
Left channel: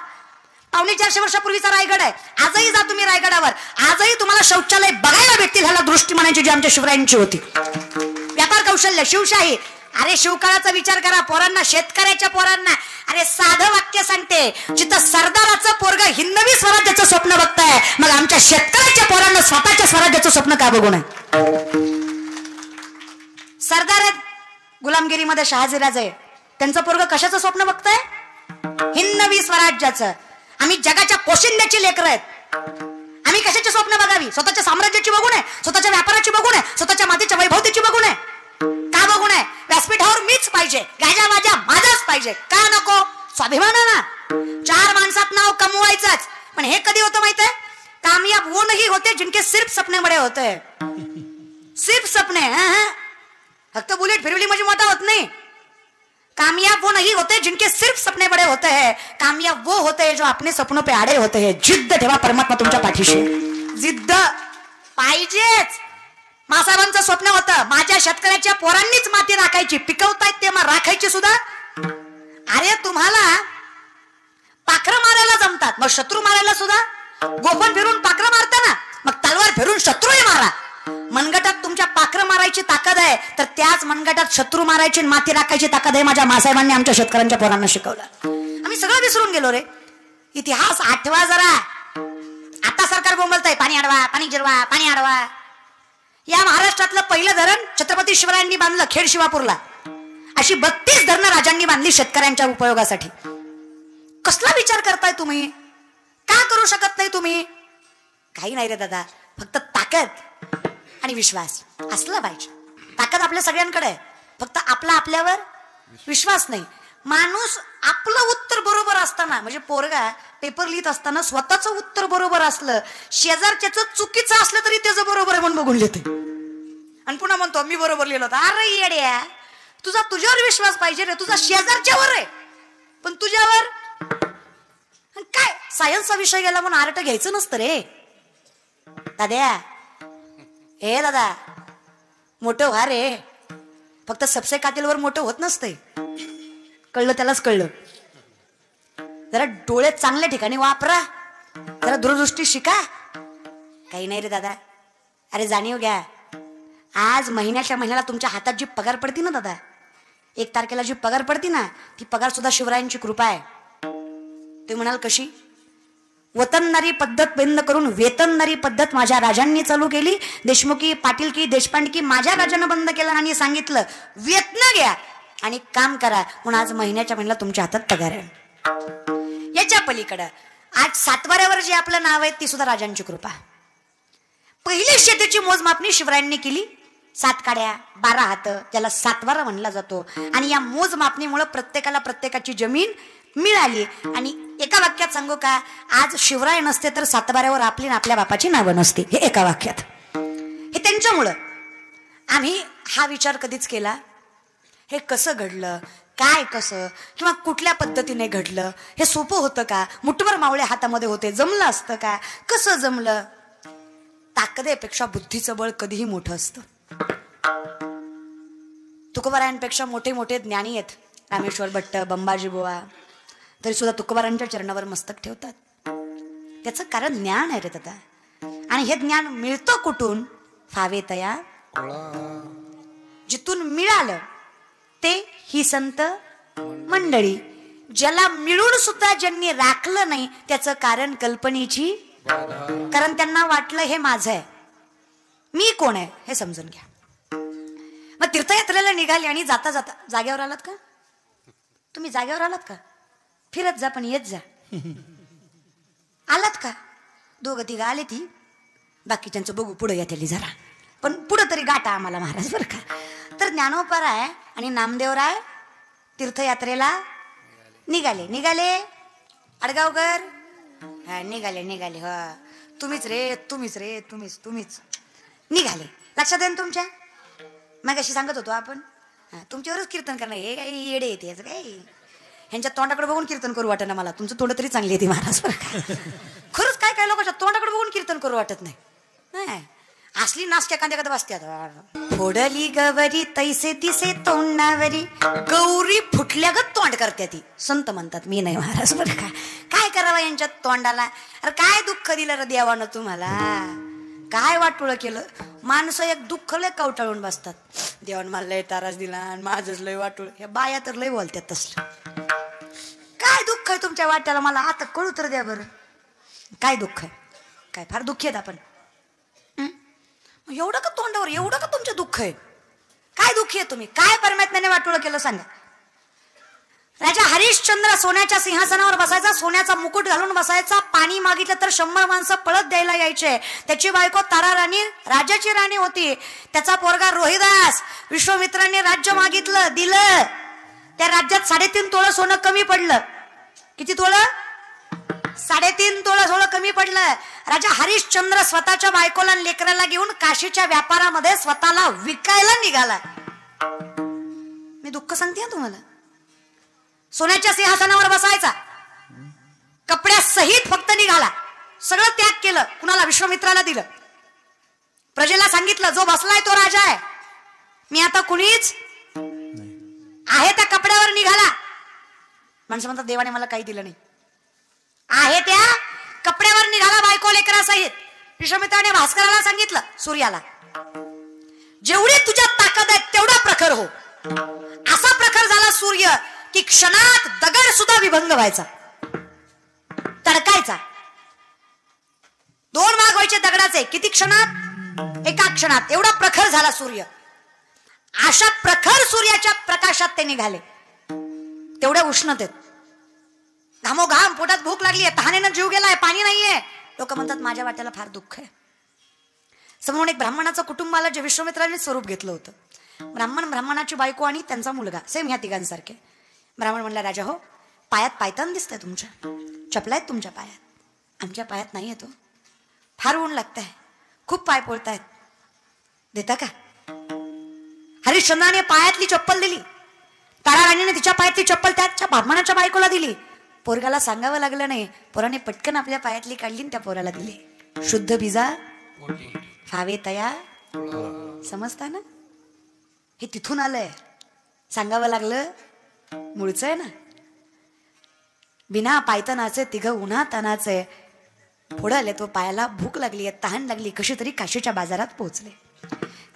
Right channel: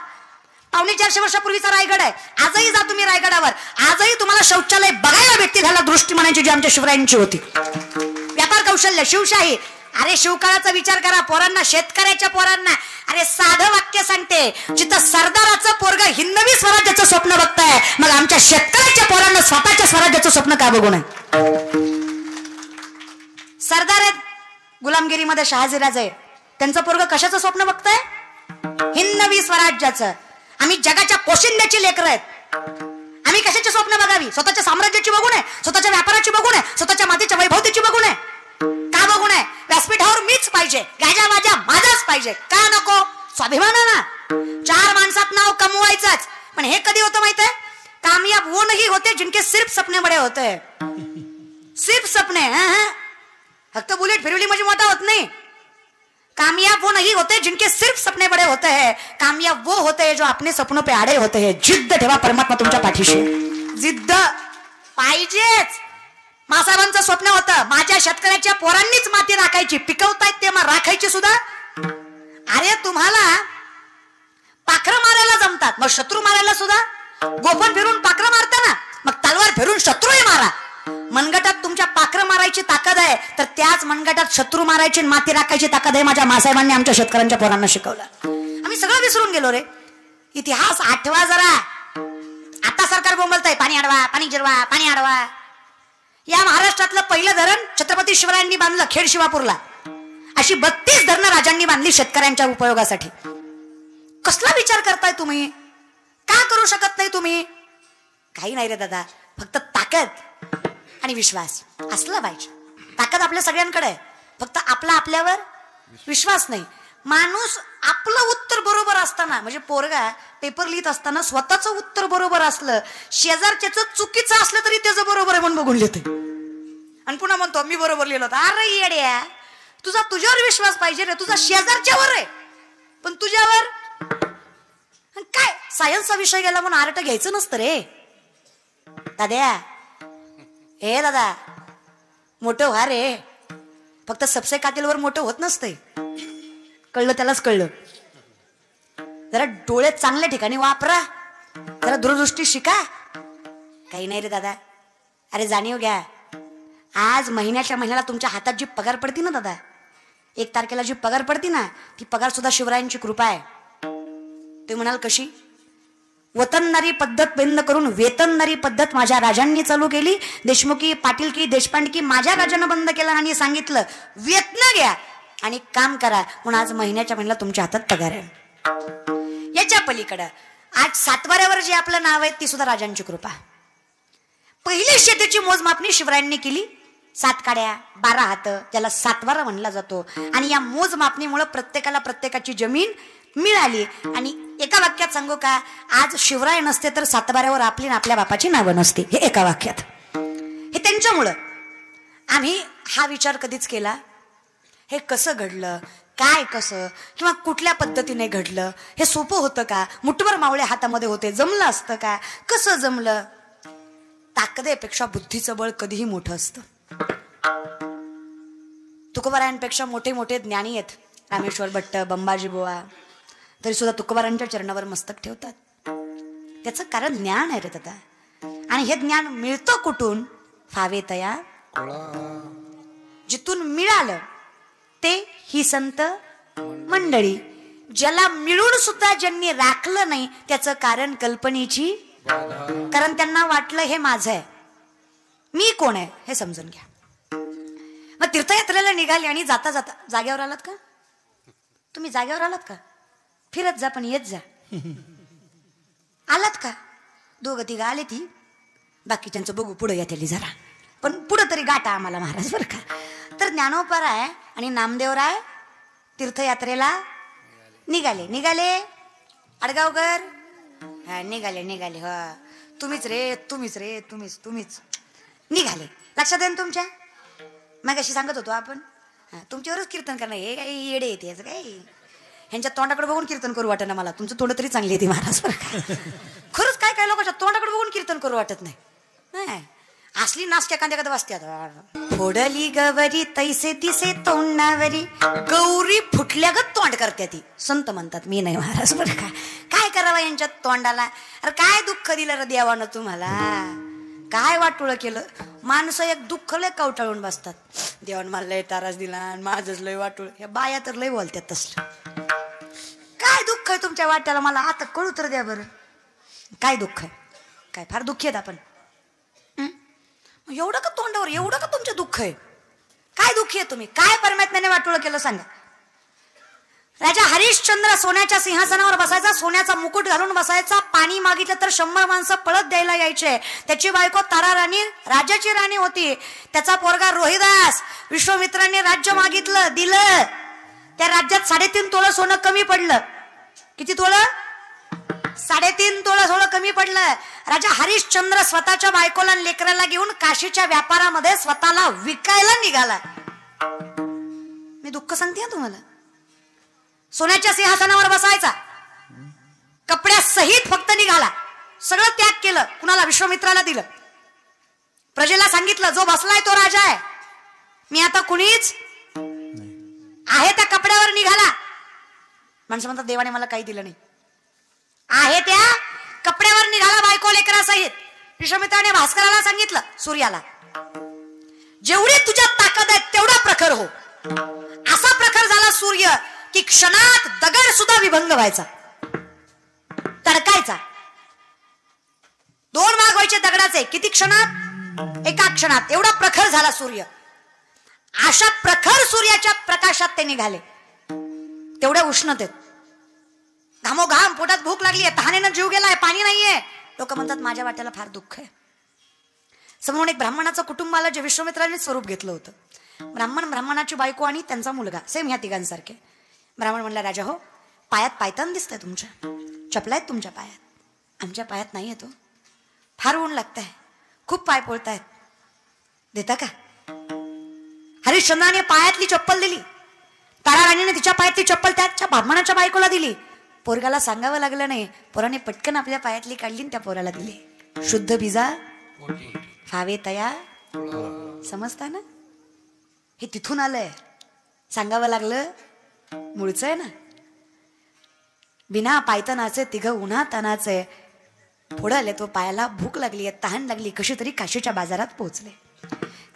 पावणे 400 वर्षापूर्वीचा रायगड आहे. आजही जा तुम्ही रायगडावर, आजही तुम्हाला शौचालय बघायला भेटतील. ह्याला दृष्टिमानाची जी आमच्या शिवरायांची होती. व्यापार कौशल्य, शिवशाही. अरे शिवकाळाचा विचार करा. पोरांना, शेतकऱ्याच्या पोरांना, अरे साधं वाक्य सांगते, जिथं सरदाराचं पोरग हिंदवी स्वराज्याचं स्वप्न बघताय, मग आमच्या शेतकऱ्याच्या पोरांना स्वतःच्या स्वराज्याचं स्वप्न का बघू नये? सरदार गुलामगिरीमध्ये शहाजीराजे आहे, त्यांचं पोरग कशाचं स्वप्न बघताय? हिंदवी स्वराज्याचं. आम्ही जगाच्या पोशिंद्याची लेकरं आहेत. आम्ही कशाचे स्वप्न बघावी? स्वतःच्या साम्राज्याची बघू नये, स्वतःच्या व्यापाराची बघू नये, स्वतःच्या मातीच्या वैभवतेची बघू नये. का बघू नये? व्यासपीठावर मीच पाहिजे, गायला माझाच पाहिजे. का नको? स्वाभिमानाला. 4 माणसात नाव कमवायचाच. पण हे कधी होतं माहितीये? कामयाब वो नहीं होते जिनके सिर्फ सपने बडे होते हैं. सिर्फ सपने, फक्त बुलेट फिरवली म्हणजे मोठा होत नाही. कामयाब वो नहीं होते जिनके सिर्फ सपने बड़े होते हैं, कामयाब वो होते हैं जो अपने सपनों पे आड़े होते हैं. जिद्द ठेवा, परमात्मा तुमच्या पाठीशी. जिद्द पाहिजेच. माझं स्वप्न होतं माझ्या शेतकऱ्याच्या पोरांनीच माती राखायची. पिकवतात ते मग राखायची सुद्धा. अरे तुम्हाला पाखरं मारायला जमतात, मग शत्रू मारायला सुद्धा. गोफर फिरून पाखरी मारताना मग तलवार फिरून शत्रूही मारा. मनगटात तुमच्या पाखरं मारायची ताकद आहे, तर त्याच मनगटात शत्रू मारायची, माती राखायची ताकद आहे. माझ्या मासाहेबांनी आमच्या शेतकऱ्यांच्या पोरांना शिकवलं. आम्ही सगळं विसरून गेलो रे. इतिहास आठवा जरा. आता सरकार बोंबलतंय पाणी अडवा, पाणी जिरवा, पाणी अडवा. या महाराष्ट्रातलं पहिलं धरण छत्रपती शिवरायांनी बांधलं खेड शिवापूरला. अशी 32 धरणं राजांनी बांधली शेतकऱ्यांच्या उपयोगासाठी. कसला विचार करताय तुम्ही? काय करू शकत नाही तुम्ही? काही नाही रे दादा, फक्त ताकद आणि विश्वास असला पाहिजे. ताकद आपल्या सगळ्यांकडे आहे, फक्त आपला आपल्यावर विश्वास नाही. माणूस आपलं उत्तर बरोबर असताना, म्हणजे पोरगा पेपर लिहित असताना स्वतःच उत्तर बरोबर असलं, शेजारच्याच चुकीचं असलं तरी त्याचं बरोबर म्हणून बघून लिहितो. आणि पुन्हा म्हणतो मी बरोबर लिहिलं होतं. अरे येड्या, तुझा तुझ्यावर विश्वास पाहिजे रे. तुझा शेजारच्यावर आहे, पण तुझ्यावर काय? सायन्सचा विषय गेला म्हणून आर्ट घ्यायचं नसतं रे दाद्या. हे दादा, मोठं व्हा रे. फक्त सबसे कातिलवर मोठं होत नसते. कळलं त्यालाच कळलं. जरा डोळे चांगल्या ठिकाणी वापरा, जरा दूरदृष्टी शिका. काही नाही रे दादा. अरे जाणीव घ्या. आज महिन्याच्या महिन्याला तुमच्या हातात जी पगार पडती ना दादा, 1 तारखेला जी पगार पडती ना, ती पगार सुद्धा शिवरायांची कृपा आहे. ते म्हणाल कशी? वतनदारी पद्धत बंद करून वेतनदारी पद्धत माझ्या राजांनी चालू केली. देशमुखी, पाटीलकी, देशपांडकी माझ्या राजानं बंद केलं आणि सांगितलं वेतन घ्या आणि काम करा. म्हणून आज महिन्याच्या महिन्याला तुमच्या हातात पगार आहे. याच्या पलीकडं आज 7वाऱ्यावर जे आपलं नाव आहे ते सुद्धा राजांची कृपा. पहिल्या शेतीची मोजमापणी शिवरायांनी केली. 7 काड्या 12 हात, त्याला 7वारा म्हणला जातो. आणि या मोजमापणीमुळे प्रत्येकाला प्रत्येकाची जमीन मिळाली. आणि एका वाक्यात सांगू का, आज शिवराय नसते तर 7वाऱ्यावर आपली आपल्या बापाची नावं नसते. हे एका वाक्यात. हे त्यांच्यामुळं. आम्ही हा विचार कधीच केला हे कसं घडलं, काय कसं, किंवा कुठल्या पद्धतीने घडलं, हे सोपं होतं का? मुठभर मावळे हातामध्ये होते, जमलं असतं का? कसं जमलं? ताकदेपेक्षा बुद्धीचं बळ कधीही मोठं असतं. तुकोबारायांपेक्षा मोठे मोठे ज्ञानी आहेत. रामेश्वर भट्ट, बंबाजी बुवा, तरी सुद्धा तुकोबारांच्या चरणावर मस्तक ठेवतात. त्याचं कारण ज्ञान आहे रे दादा. आणि हे ज्ञान मिळतं कुठून? फावे तया. जिथून मिळालं ते ही संत मंडळी. ज्याला मिळून सुद्धा ज्यांनी राखलं नाही त्याचं कारण कल्पनेची. कारण त्यांना वाटलं हे माझं आहे, मी कोण आहे हे समजून घ्या. तीर्थयात्रेला निघाली आणि जाता जाता जागेवर आलात का तुम्ही? जागेवर आलात का? फिरत जा पण येत जा. आलात का? 2-3 आले ते, बाकीच्यांचं बघू पुढे येते जरा, पण पुढे तरी गाठा आम्हाला महाराज बरं का. तर ज्ञानोबराय आणि नामदेवराय तीर्थयात्रेला निघाले. अडगावकर निघाले. तुम्हीच निघाले. लक्षात येईल तुमच्या? मग अशी सांगत होतो आपण तुमच्यावरच कीर्तन करायला. हे काय येडे येते असं काय? ह्यांच्या तोंडाकडे बघून कीर्तन करू वाटत नाही मला. तुमचं तोंड तरी चांगली येते महाराज. खरंच काय लोकांच्या तोंडाकडे बघून कीर्तन करू वाटत नाही. असली नाश्त्या कांद्या कधी वाजत्यात. फोडली गवरी तैसे तिसे तोंडावरी गौरी फुटल्या ग तोंड करते ती संत म्हणतात. मी नाही महाराज बरं का. काय करावं यांच्या तोंडाला. अरे काय दुःख दिलं रे देवानं तुम्हाला. काय वाटून केलं. माणसं एक दुःख लय कवटाळून बसतात. देवान मला लय तारास दिला आणि माझंच लय वाटून. या बाया तर लय बोलतात तसलं. काय दुःख आहे तुमच्या वाट्याला मला आता कळू तर द्या बरं. काय दुःख काय फार दुःखी आहेत आपण. एवढं का तोंडावर एवढं का तुमचं दुःख आहे. काय दुःखी आहे तुम्ही. काय परमात्म्याने वाटोळ केलं सांगा. राजा हरिश्चंद्र सोन्याच्या सिंहासनावर बसायचा. सोन्याचा मुकुट घालून बसायचा. पाणी मागितलं तर 100 माणसं पळत द्यायला यायचे. त्याची बायको तारा राणी राजाची राणी होती. त्याचा पोरगा रोहिदास. विश्वामित्राने राज्य मागितलं दिलं. त्या राज्यात 3.5 तोळं सोनं कमी पडलं. किती तोळं. 3.5 तोळं सोनं कमी पडलं. राजा हरिश्चंद्र स्वतःच्या बायकोला लेकराला घेऊन काशीच्या व्यापारामध्ये स्वतःला विकायला निघाला. मी दुःख सांगते तुम्हाला. सोन्याच्या सिंहासनावर बसायचा. कपड्यासहित फक्त निघाला. सगळं त्याग केलं. कुणाला विश्वामित्राला दिलं. प्रजेला सांगितलं जो बसलाय तो राजा आहे. मी आता कुणीच आहे त्या कपड्यावर निघाला. म्हणजे म्हणतात देवाने मला काही दिलं नाही. आहे त्या कपड्यावर निघाला बायको लेकरासहित. विश्वामित्राने भास्कराला सांगितलं सूर्याला जेवढी तुझ्या ताकद आहे तेवढ्या प्रखर हो. असा प्रखर झाला सूर्य की क्षणात दगड सुद्धा विभंग व्हायचा. तडकायचा. 2 भाग व्हायचे दगडाचे. किती क्षणात. एका क्षणात. एवढा प्रखर झाला सूर्य. अशा प्रखर सूर्याच्या प्रकाशात ते निघाले. तेवढ्या उष्णतेत. घामोघाम पोटात भूक लागली. तहानेनं जीव गेलाय. पाणी नाहीये. लोक म्हणतात माझ्या वाट्याला फार दुःख आहे. समोर एक ब्राह्मणाचं कुटुंबाला जे विश्वामित्राने स्वरूप घेतलं होतं. ब्राह्मणाची बायको आणि त्यांचा मुलगा सेम ह्या तिघांसारखे. ब्राह्मण म्हणला राजा हो पायात पायतान दिसतंय तुमच्या. चपला आहेत तुमच्या पायात. आमच्या पायात नाही आहे. फार ऊन लागतंय. खूप पाय पोळतायत. देता का. हरिश्चंद्राने पायातली चप्पल दिली. तारा राणीने तिच्या पायातली चप्पल त्याच्या ब्राह्मणाच्या बायकोला दिली. पोरगाला सांगावं लागलं नाही. पोराने पटकन आपल्या पायातली काढली आणि त्या पोराला दिली. शुद्ध बिजा हवे तया. समजता ना. हे तिथून आलंय. सांगावं लागलं. मुळचं आहे ना. बिना पायतनाचे तिघ उन्हातानाचे पुढे आले. तो पायाला भूक लागली तहान लागली. कशी तरी काशीच्या बाजारात पोहोचले.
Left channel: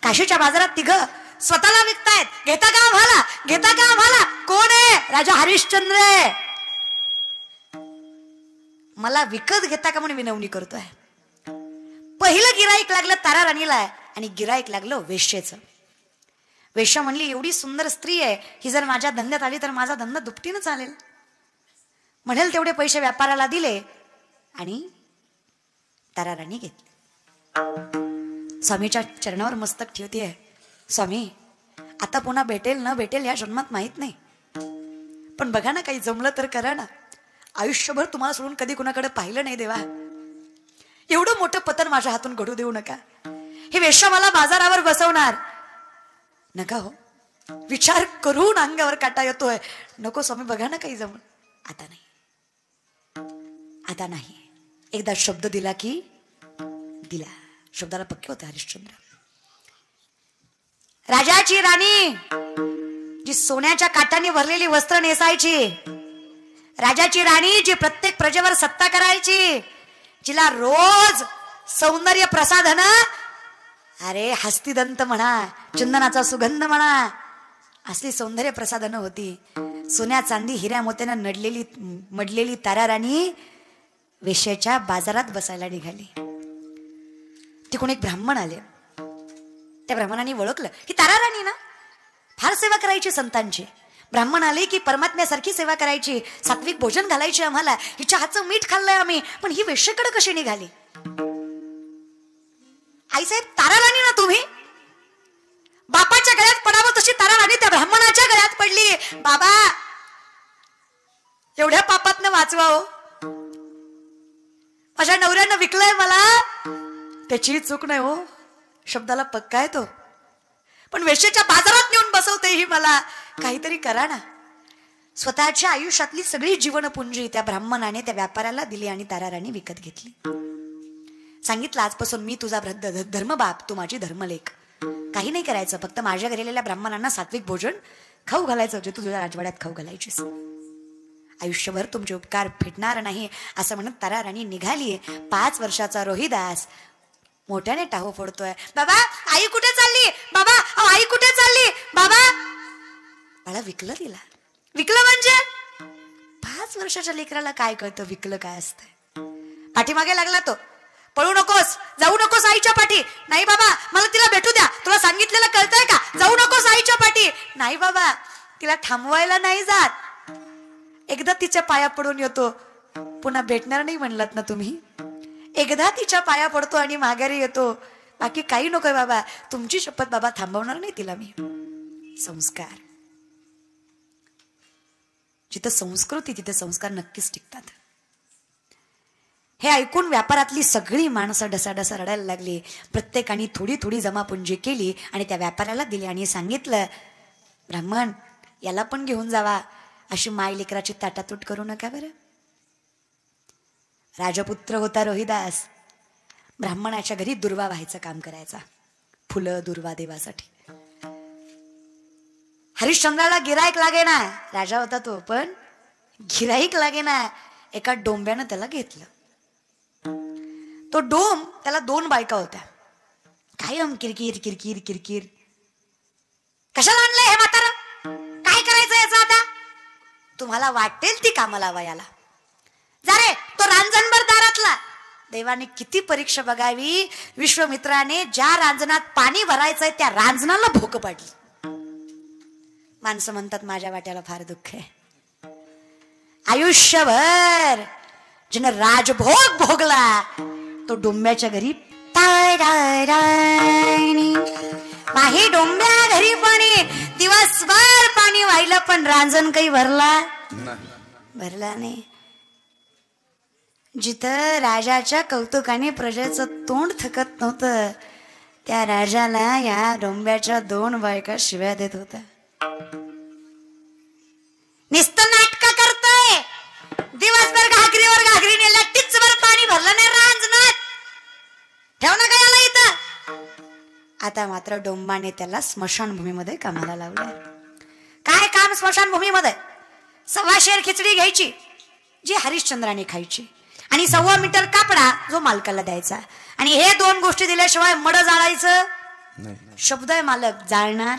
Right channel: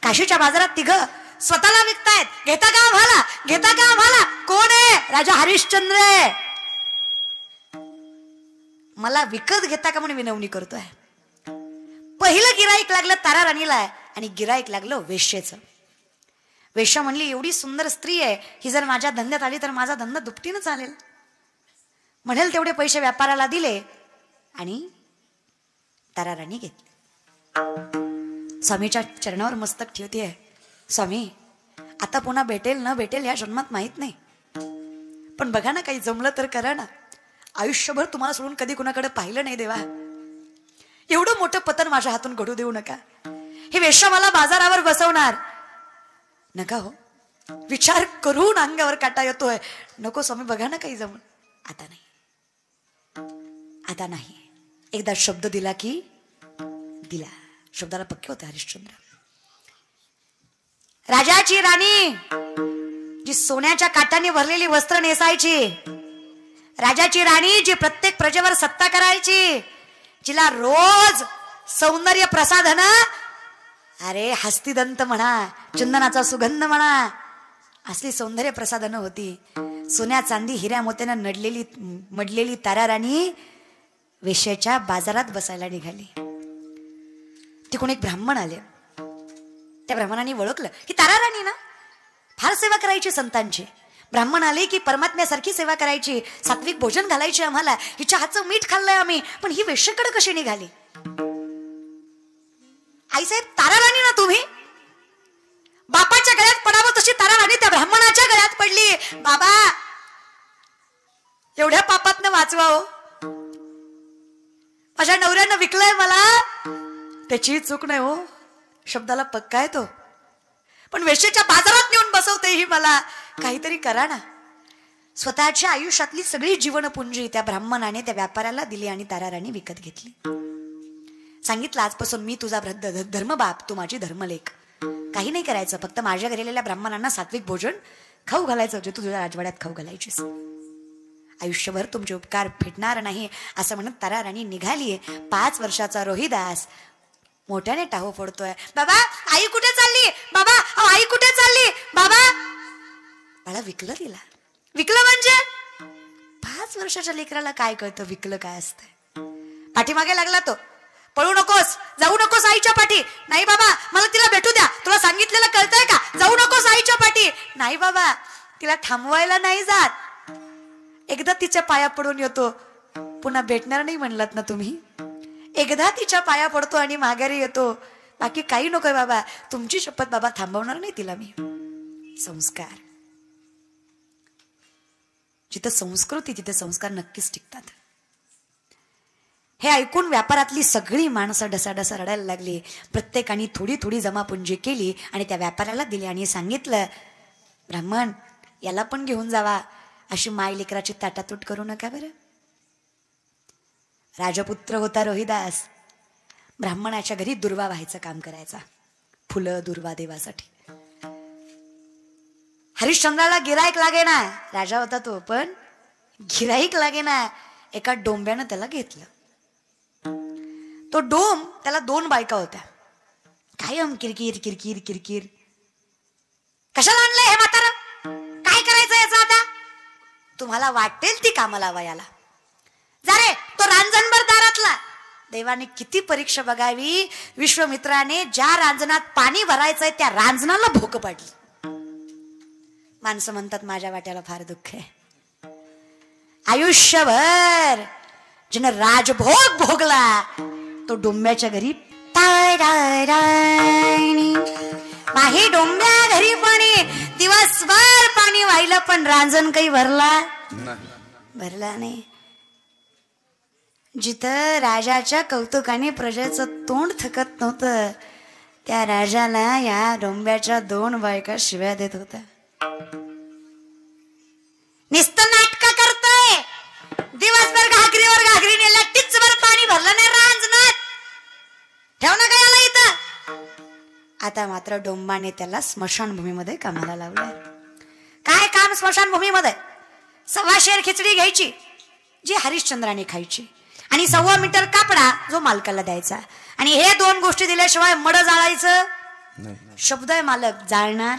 काशीच्या बाजारात तिघ स्वतःला विकतायत. घेता का भाला. घेता का भाला. कोण आहे. राजा हरिश्चंद्र. मला विकत घेता का म्हणून विनवणी करतोय. पहिलं गिराईक लागलं तारा राणीला आणि गिराईक लागलं वेश्येचं. वेश्या म्हणली एवढी सुंदर स्त्री आहे ही जर माझ्या धंद्यात आली तर माझा धंदा दुपटीनं चालेल. म्हणेल तेवढे पैसे व्यापाराला दिले आणि तारा राणी घेतली. स्वामीच्या चरणावर मस्तक ठेवते. स्वामी आता पुन्हा भेटेल न भेटेल या जन्मात माहित नाही. पण बघा ना काही जमलं तर करा ना. आयुष्यभर तुम्हाला सोडून कधी कुणाकडे पाहिलं नाही देवा. एवढं मोठं पतन माझ्या हातून घडू देऊ नका. हे वेश्या मला बाजारावर बसवणार नका हो. विचार करून अंगावर काटा येतोय. नको स्वामी बघा ना काही जमलं. आता नाही. आता नाही. एकदा शब्द दिला की दिला. शब्दाला पिक्के होते हरिश्चंद्र. राजाची राणी जी सोन्याच्या काट्याने भरलेली वस्त्र नेसायची. राजाची राणी जी प्रत्येक प्रजेवर सत्ता करायची. जिला रोज सौंदर्य प्रसाधन. अरे हस्तिदंत म्हणा चंदनाचा सुगंध म्हणा असे सौंदर्य प्रसाधन होती. सोन्या चांदी हिऱ्या मोत्यानं मडलेली तारा राणी वेश्येच्या बाजारात बसायला निघाली. तिकडून एक ब्राह्मण आले. त्या ब्राह्मणाने ओळखलं की तारा राणी ना फार सेवा करायची संतांची. ब्राह्मण आले की परमात्म्यासारखी सेवा करायची. सात्विक भोजन घालायचे आम्हाला. हिच्या हातचं मीठ खाल्लंय आम्ही. पण ही वेश्येकडे कशी निघाली. आईसाहेब तारा राणी ना तुम्ही. बापाच्या गळ्यात पडावी तशी तारा राणी त्या ब्राह्मणाच्या गळ्यात पडली. बाबा एवढ्या पापातनं वाचवा हो. माझ्या नवऱ्यानं विकलाय मला. त्याची चूक नाही हो. शब्दाला पक्का येतो. पण वेश्येच्या बाजारात नेऊन बसवते ही मला. काहीतरी करा ना. स्वतःच्या आयुष्यातली सगळी जीवनपुंजी त्या ब्राह्मणाने त्या व्यापाराला दिली आणि तारा राणी विकत घेतली. सांगितलं आजपासून मी तुझा धर्मबाप, तू माझी धर्मलेख. काही नाही करायचं, फक्त माझ्या घरी आलेल्या ब्राह्मणांना सात्विक भोजन खाऊ घालायचं होतं, तू तुझ्या राजवाड्यात खाऊ घालायचीस. आयुष्यभर तुमचे उपकार फेडणार नाही असं म्हणत तराराणी निघालीये. 5 वर्षाचा रोहिदास मोठ्याने टाहू फोडतोय. बाबा आई कुठे चालली, बाबा आई कुठे चालली, बाबा. मला विकलं गेला. विकलं म्हणजे 5 वर्षाच्या लेकराला काय कळतं विकलं काय असतंय. पाठीमागे लागला तो. पळू नकोस, जाऊ नकोस आईच्या पाठी. नाही बाबा मला तिला भेटू द्या, तुला सांगितलेलं कळतंय का, जाऊ नकोस आईच्या पाठी. नाही बाबा तिला थांबवायला नाही जात, एकदा तिच्या पाया पडून येतो, पुन्हा भेटणार नाही म्हणलात ना तुम्ही. एकदा तिच्या पाया पडतो आणि माघारी येतो, बाकी काही नकोय बाबा. तुमची शपथ बाबा, थांबवणार नाही तिला मी. संस्कार, जिथं संस्कृती तिथे संस्कार नक्कीच टिकतात. हे ऐकून व्यापारातली सगळी माणसं ढसाढसा रडायला लागली. प्रत्येकाने थोडी थोडी जमापुंजी केली आणि त्या व्यापाऱ्याला दिली आणि सांगितलं, ब्राह्मण याला पण घेऊन जावा, अशी माय लेकराची ताटातूट करू नका बरे. राजपुत्र होता रोहिदास. ब्राह्मणाच्या घरी दुर्वा व्हायचं काम करायचा, फुलं दुर्वा देवासाठी. हरिश्चंद्राला गिराईक लागे ना, राजा होता तो, पण गिराईक लागे ना. एका डोंब्यानं त्याला घेतलं. तो डोम, त्याला 2 बायका होत्या. कायम किरकिर किरकिर किरकिर. कशाला आणलंय हे म्हातार, काय करायचं याचं आता. तुम्हाला वाटेल ती कामाला वयाला जरे तो रांजणभर दारातला. देवाने किती परीक्षा बघावी, विश्वामित्राने ज्या रांजणात पाणी भरायचंय त्या रांजणाला भोक पडली. माणसं म्हणतात माझ्या वाट्याला फार दुःख आहे. आयुष्यभर जिने राजभोग भोगला तो डोंब्याच्या घरी काही डोंब्या घरी पाणी, दिवसभर पाणी वाहिलं पण रांजण काही भरला नाही. जिथं राजाच्या कौतुकाने प्रजेचं तोंड थकत नव्हतं, त्या राजाला या डोंब्याच्या 2 बायका शिव्या देत होत्या. नुसती नाटकं करतं, दिवसभर घागरीवर घागरीने लट्टीचभर पाणी भरलं नाही रांजणात, ठेवणं गेलं इथं. आता मात्र डोंबाने त्याला स्मशानभूमीमध्ये कामाला लावलं. काय काम स्मशानभूमीमध्ये? 1.25 शेर खिचडी घ्यायची जी हरिश्चंद्राने खायची, आणि 1.25 मीटर कपडा जो मालकाला द्यायचा, आणि हे 2 गोष्टी दिल्याशिवाय मड जाळायचं. शब्द आहे मालक, जाळणार.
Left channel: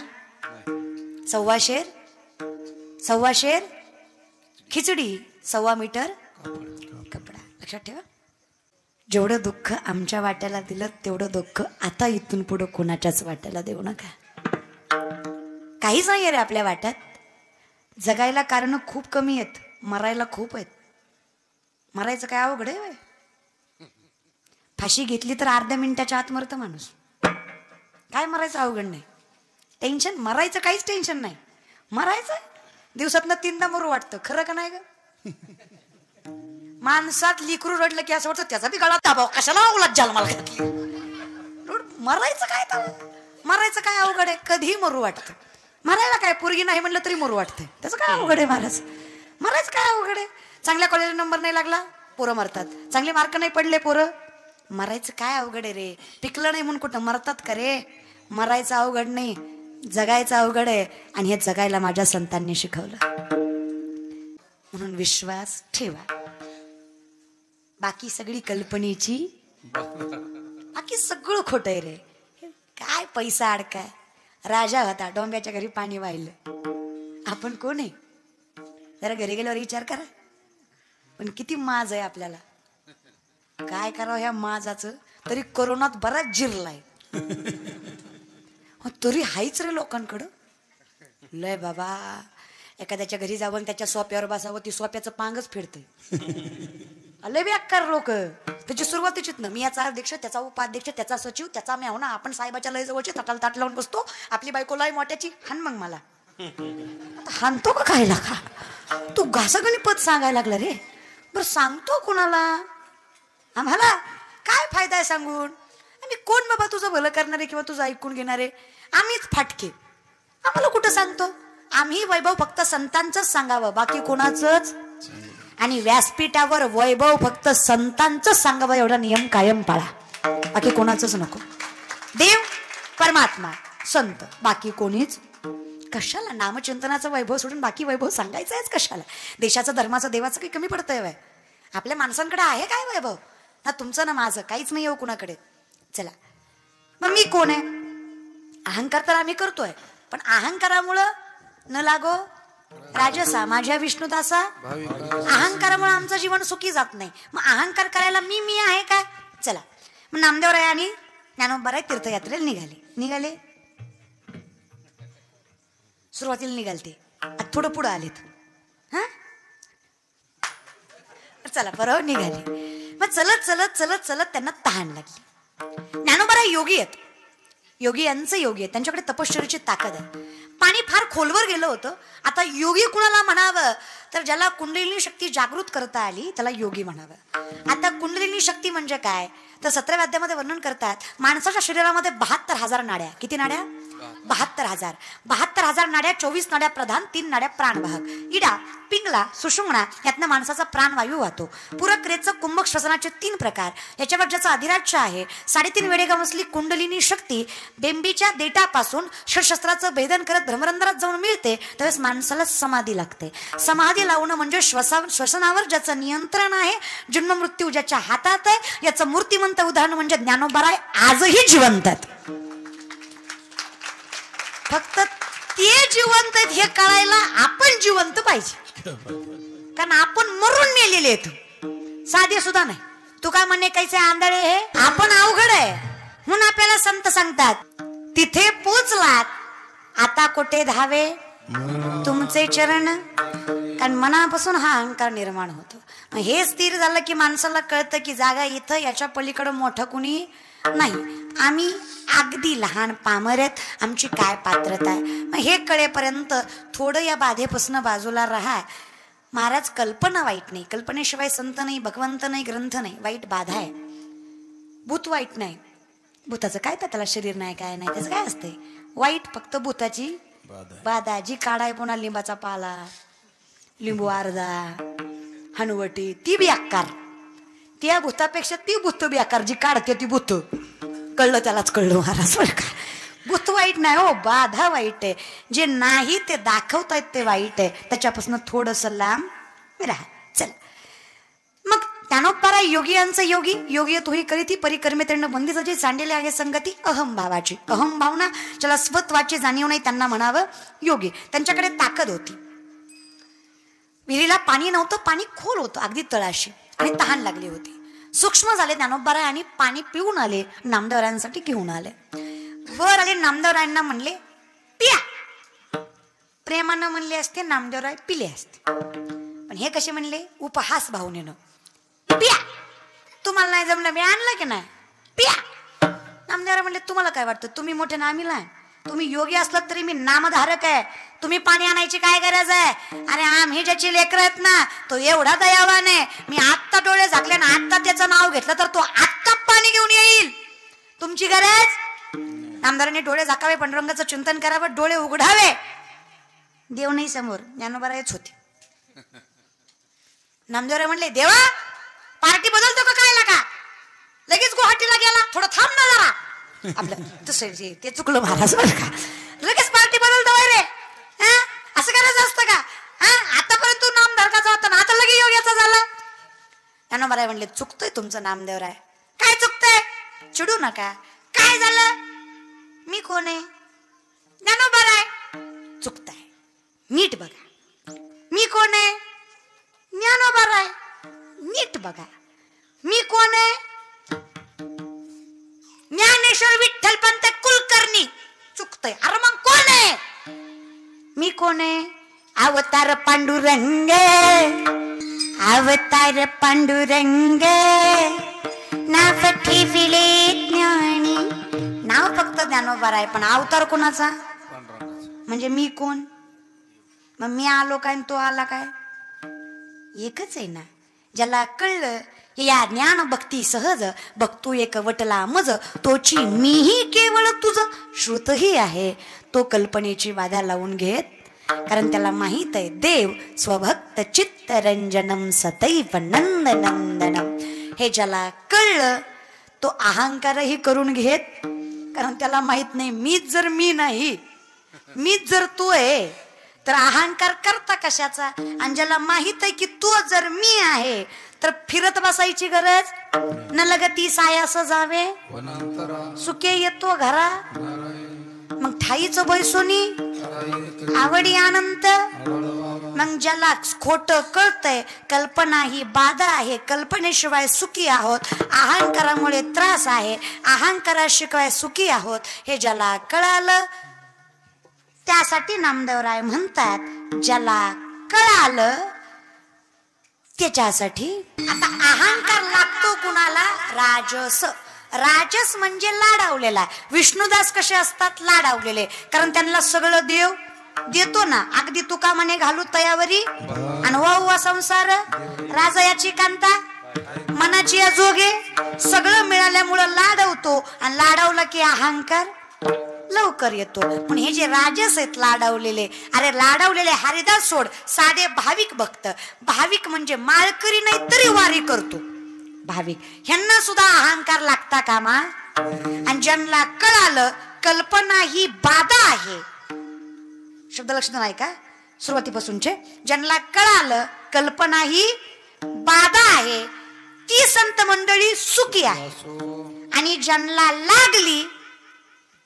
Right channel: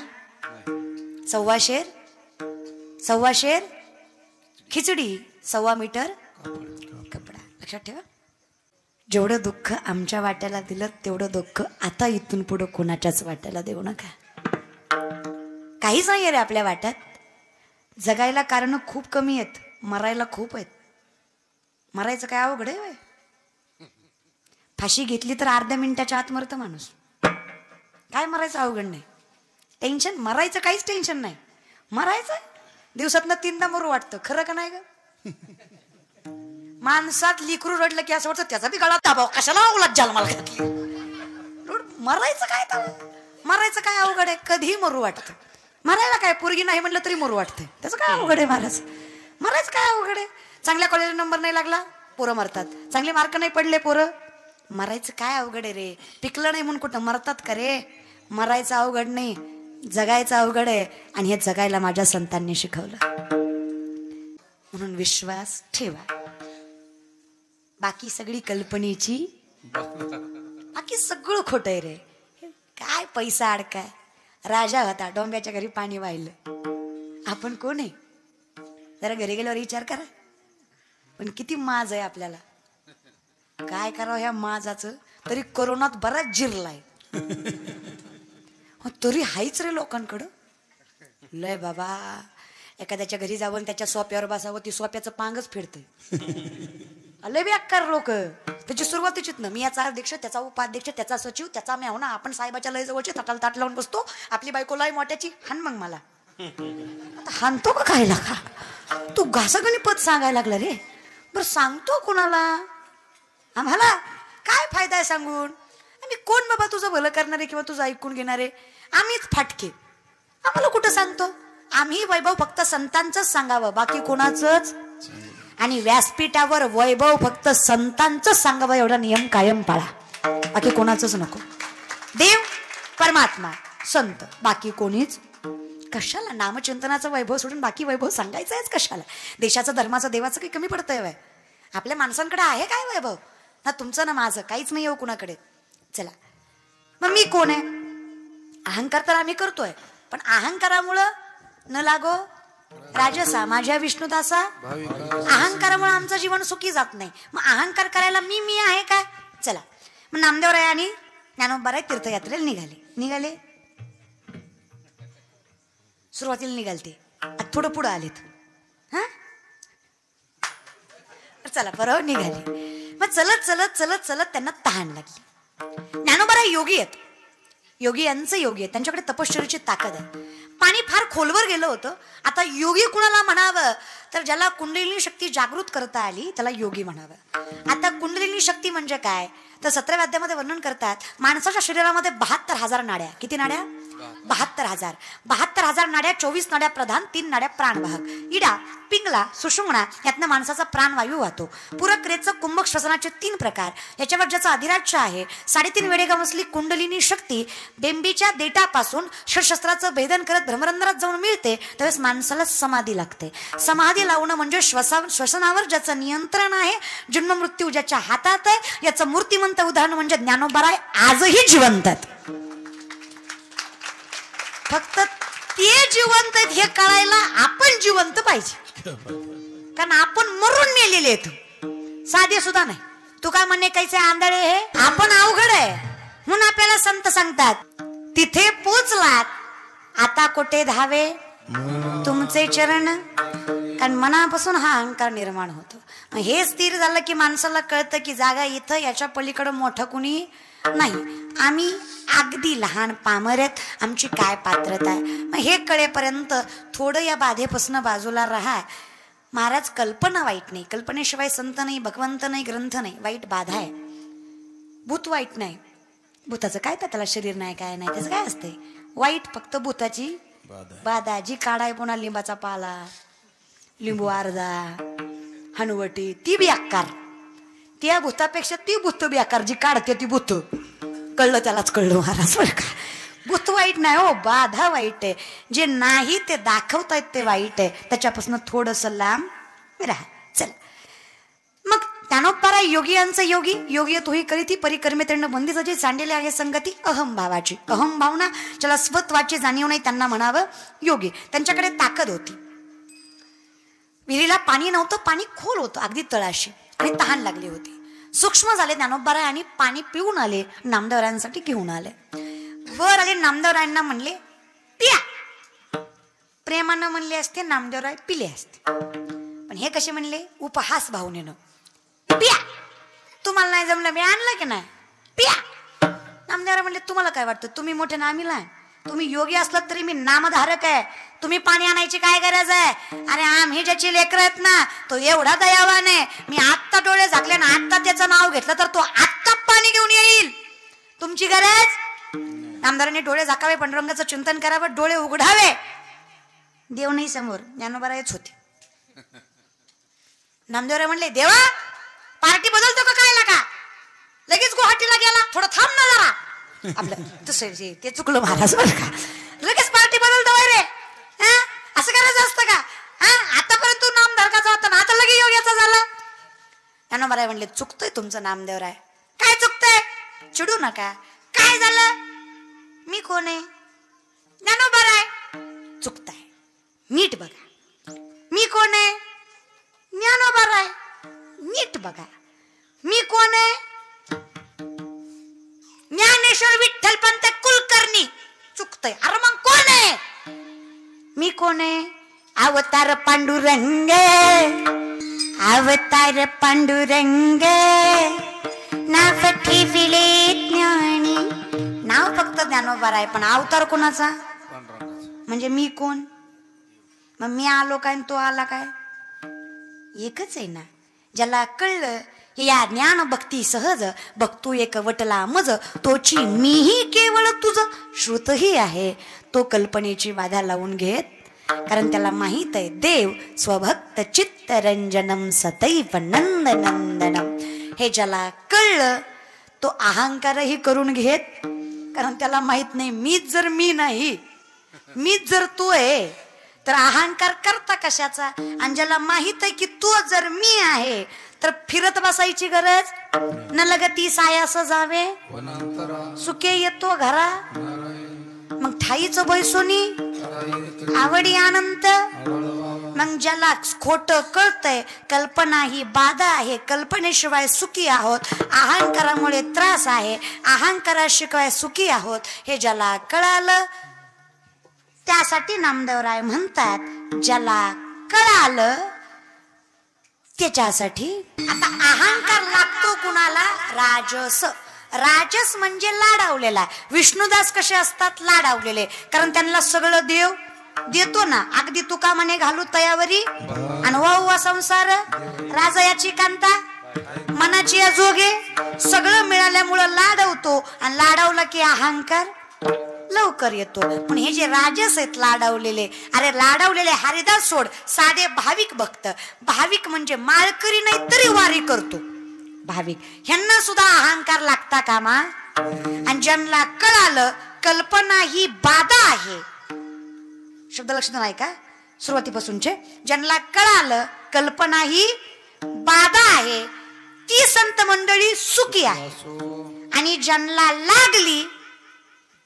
1.25 शेर खिचडी, 1.25 मीटर कपडा. लक्षात ठेवा, जेवढं दुःख आमच्या वाट्याला दिलं तेवढं दुःख आता इथून पुढे कोणाच्याच वाट्याला देऊ नका. काहीच नाही रे आपल्या वाट्यात. जगायला कारण खूप कमी आहेत, मरायला खूप आहेत. मरायचं काय अवघड आहे? फाशी घेतली तर अर्ध्या मिनिटाच्या आत मरतं माणूस. काय मरायचं अवघड नाही. टेन्शन, मरायचं काहीच टेन्शन नाही. मरायचं दिवसातनं 3दा मरू वाटतं, खरं का नाही ग? माणसात लिकरू रडलं की असं वाटतं त्याचा बी गाडा दाबाव, कशाला उलट जन्माला घातली. मरायचं काय तर, मरायचं काय अवघड आहे? कधी मरू वाटतं. मरायला काय, पोरगी नाही म्हणलं तरी मरू वाटतं, त्याचं काय अवघड आहे माणूस. मरायचं काय अवघड आहे? चांगल्या कॉलेज नंबर नाही लागला पोरं मरतात, चांगले मार्क नाही पडले पोरं. मरायचं काय अवघड आहे रे? पिकलं नाही म्हणून कुठं मरतात का रे? मरायचं अवघड नाही, जगायचं अवघड आहे. आणि हे जगायला माझ्या संतांनी शिकवलं. म्हणून विश्वास ठेवा. बाकी सगळी कल्पनेची, बाकी सगळं खोट आहे रे. काय पैसा अडका. राजा होता, डोंब्याच्या घरी पाणी वाहिलं. आपण कोण आहे? तर घरी गेल्यावर विचार करा. पण किती माज आहे आपल्याला. काय करावं ह्या माजाचं? तरी कोरोनात बराच जिरलाय, तरी हायच रे लोकांकडं. लय बाबा, एखाद्याच्या घरी जाऊन त्याच्या सोप्यावर बसावं, ती सोप्याचं पांगच फेडतंय. लय बेकार लोक. तुझी सुरुवातीचीच ना, मी याचा अध्यक्ष, त्याचा उपाध्यक्ष, त्याचा सचिव, त्याचा मेवना. आपण साहेबाच्या लय जवळचे ताटाला ताट लावून बसतो. आपली बायको लय मोठ्याची, हान मग मला. हानतो का काय लागा? तू घासागणी पद सांगायला लागला रे. पण सांगतो कोणाला? आम्हाला काय फायदा आहे सांगून? आम्ही कोण बाबा तुझं भलं करणारे किंवा तुझं ऐकून घेणारे? आम्हीच फाटके. आम्हाला कुठे सांगतो? आम्ही वैभव फक्त संतांचंच सांगावं, बाकी कोणाचंच. आणि व्यासपीठावर वैभव फक्त संतांचंच सांगावं, एवढा नियम कायम पाळा. आता कोणाचंच नको. देव, परमात्मा, संत, बाकी कोणीच. कशाला नामचिंतनाचं वैभव सोडून बाकी वैभव सांगायचं आहेच कशाला? देशाचं, धर्माचं, देवाचं काही कमी पडतंय व्हय? आपल्या माणसांकडे आहे काय वैभव? ना तुमचं ना माझं काहीच नाही हो कुणाकडे. चला मग मी कोण आहे? अहंकार तर आम्ही करतोय, पण अहंकारामुळं न लागो राजसा माझ्या विष्णुदासा. अहंकारामुळे आमचं जीवन सुखी जात नाही. मग अहंकार करायला मी आहे काय? चला मग नामदेवराय आणि ज्ञानोबा तीर्थयात्रेला निघाले. सुरुवातीला निघालते, थोडं पुढे आलेत. हा चला बरोबर निघाले. मग चलत चलत चलत चलत त्यांना तहान लागली. ज्ञानोबा योगी आहेत, योगियांचे योगी आहेत, त्यांच्याकडे तपश्चर्याची ताकद आहे. पाणी फार खोलवर गेलं होतं. आता योगी कुणाला म्हणावं तर ज्याला कुंडलिनी शक्ती जागृत करता आली त्याला योगी म्हणावं. आता कुंडलिनी शक्ती म्हणजे काय तर 17व्या अध्यायामध्ये वर्णन करतात. माणसाच्या शरीरामध्ये 72,000 नाड्या. किती नाड्या? 72,000. 72,000 नाड्या, 24 नाड्या प्रधान, 3 नाड्या प्राणवाहक. इडा, पिंगला, सुषुम्ना यातनं माणसाचा प्राणवायू होतो. पुरक्रियेचं कुंभक श्वसनाचे 3 प्रकार. याच्यावर ज्याचा अधिराज्य आहे 3.5 वेळेगाव असली कुंडलिनी शक्ती बिंबीच्या देटापासून शस्त्राचं भेदन करत धर्मरंध्रात जाऊन मिळते. त्यावेळेस माणसाला समाधी लागते. समाधी लावणं म्हणजे श्वसनावर ज्याचं नियंत्रण आहे, जन्म मृत्यू ज्याच्या हातात आहे, याचं मूर्तिमंत उदाहरण म्हणजे ज्ञानोबा आजही जिवंत आहेत. फक्त ते जिवंत आहेत हे कळायला आपण जिवंत पाहिजे, कारण आपण मरून नेलेले आहेत. साध्या सुद्धा नाही. तू काय म्हणणे कायचं आंधळे आहे, आपण अवघड आहे म्हणून आपल्याला संत सांगतात तिथे पोचलात आता कोठे धावे तुमचे चरण. कारण मनापासून हा अहंकार निर्माण होतो. हे स्थिर झालं की माणसाला कळतं की जागा इथं, याच्या पलीकडे मोठं कुणी नाही. आम्ही अगदी लहान पामरेत, आमची काय पात्रता आहे. मग हे कळेपर्यंत थोडं या बाधेपासून बाजूला राहा. महाराज कल्पना वाईट नाही, कल्पनेशिवाय संत नाही, भगवंत नाही, ग्रंथ नाही. वाईट बाधा आहे. भूत वाईट नाही. भूताचं काय तर त्याला शरीर नाही, काय नाही, त्याचं काय असते. वाईट फक्त भूताची बाधा. जी खाडाय पुन्हा लिंबाचा पाला, लिंबू अर्धा, हनुवटी, ती बी आकार. त्या भूतापेक्षा ती भूत बी आकार जी काढते ती भूत. कळलं त्यालाच कळलं महाराज. भूत वाईट नाही हो, बाधा वाईट आहे. जे नाही ते दाखवतायत ते वाईट आहे. त्याच्यापासून थोडस लांब राहा. चल मग ज्ञानोबा योगियांचा योगी. योगी तोही करीती परिक्रमे त्यांना बंदीसाठी सांडलेले आहे संगती अहमभावाची. अहमभावना ज्याला स्वत्वाची जाणीव नाही त्यांना म्हणावं योगी. त्यांच्याकडे ताकद होती. विहिरीला पाणी नव्हतं, पाणी खोल होतं अगदी तळाशी, आणि तहान लागली होती. सूक्ष्म झाले ज्ञानोबा आणि पाणी पिऊन आले. नामदेवरायांसाठी घेऊन आले. वर आले. नामदेवरायांना म्हणले पिया. प्रेमानं म्हणले असते, नामदेवराय पिले असते. पण हे कसे म्हणले? उपहास भावनेनं. पिया. तुम्हाला नाही जमलं, मी आणलं की नाही, पिया. नामदेवराय म्हणलं तुम्हाला काय वाटतं, तुम्ही मोठे ना आम्ही लहान. तुम्ही योगी असलात तरी मी नामधारक आहे. तुम्ही पाणी आणायची काय गरज आहे? अरे आम्ही ज्याची लेकर आहेत ना तो एवढा दयावान आहे. मी आत्ता डोळे झाकले ना, आत्ता त्याचं नाव घेतलं तर तो आत्ता पाणी घेऊन येईल. तुमची गरज? नामदारांनी डोळे झाकावे, पांडुरंगाचं चिंतन करावं, डोळे उघडावे. देव नाही समोर, ज्ञानोबारायच होते. नामदेवराय म्हणले देवा पार्टी बदलतो का काय का? लगेच गुवाहाटीला गेला, थोडं थांब ना जरा. आपलं दुसरं जे ते चुकलं महाराज, लगेच पार्टी बदलतो रे. असं करायचं असतं का? आतापर्यंत नामधारकाचा होता ना, आता लगे योग्याचं झालं. ज्ञानोबाराय म्हणले चुकतोय तुमचं नामदेवराय. काय चुकतंय? चिडू नका. काय झालंय? मी कोण आहे? ज्ञानोबाराय. चुकताय, नीट बघा. मी कोण आहे? ज्ञानोबाराय. नीट बघा. मी कोण आहे? ज्ञानेश्वर विठ्ठल पंत कुलकर्णी. चुकतंय. अरे मग कोण आहे? मी कोण आहे? अवतार पांडुरंग. अवतार पांडुरंग नाव ठेविले ज्ञानी. नाव फक्त ज्ञानोबाराय, पण अवतार कोणाचा? म्हणजे मी कोण? मग मी आलो काय तो आला काय? एकच आहे ना. ज्याला कळलं या ज्ञान भक्ती सहज बघतो एक वटला मज तोची मीही केवळ तुझं श्रुतही आहे. तो कल्पनेची बाधा लावून घेत, कारण त्याला माहित आहे देव स्वभक्त चित्तरंजनम सतैव नंदनंदनम. हे ज्याला कळलं तो अहंकारही करून घेत, कारण त्याला माहित नाही मीच जर मी नाही, मीच जर तू आहे तर अहंकार करता कशाचा. आणि ज्याला माहित आहे की तू जर मी आहे तर फिरत बसायची गरज न लगती सायास जावे, सुखे येतो घरा. मग ठाईच बैसुनी आवडी आनंद. मग ज्याला खोट कळतंय, कल्पना ही बाधा आहे, कल्पनेशिवाय सुखी आहोत, अहंकारामुळे त्रास आहे, अहंकाराशिवाय सुखी आहोत, हे ज्याला कळालं त्यासाठी नामदेवराय म्हणतात ज्याला कळालं त्याच्यासाठी. आता अहंकार लागतो कुणाला? राजस. राजस म्हणजे लाडावलेला. विष्णुदास कसे असतात? लाडावलेले, कारण त्यांना सगळं देव देतो ना. अगदी तुका म्हणे घालू तयावरी आणि वा संसार राजयाची कांता मनाची अजूगी. सगळं मिळाल्यामुळं लाडवतो आणि लाडवलं की अहंकार लवकर येतो. पण हे जे राजस आहेत लाडवलेले, अरे लाडवलेले हरिदास सोड, साधे भाविक भक्त. भाविक म्हणजे माळकरी नाही तरी वारी करतो भाविक, ह्यांना सुद्धा अहंकार लागता कामा. आणि ज्यांना कळालं कल्पना ही बाधा आहे, शब्द लक्षात नाही का सुरुवातीपासूनचे, ज्यांना कळालं कल्पना ही बाधा आहे ती संत मंडळी सुखी आहे. आणि ज्यांना लागली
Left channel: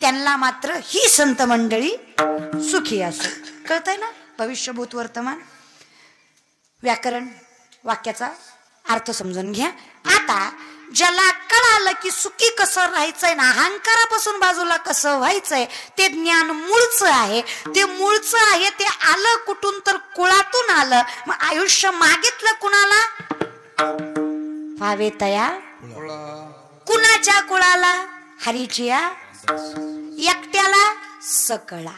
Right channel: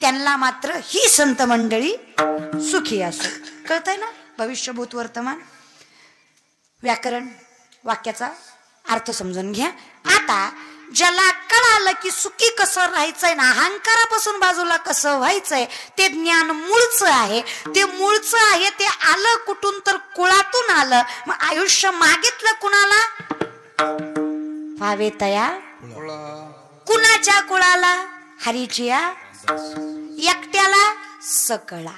त्यांना मात्र ही संत मंडळी सुखी असते. कळतंय ना? भविष्यभूत वर्तमान व्याकरण वाक्याचा अर्थ समजून घ्या. आता ज्याला कळालं की सुखी कसं राहायचंय ना, अहंकारापासून बाजूला कसं व्हायचंय, ते ज्ञान मूळचं आहे. ते मूळचं आहे ते आलं कुठून तर कुळातून आलं. मग आयुष्य मागितलं कुणाला? हवे तया कुणाच्या कुळाला? हरीच्या एकट्याला सकळा.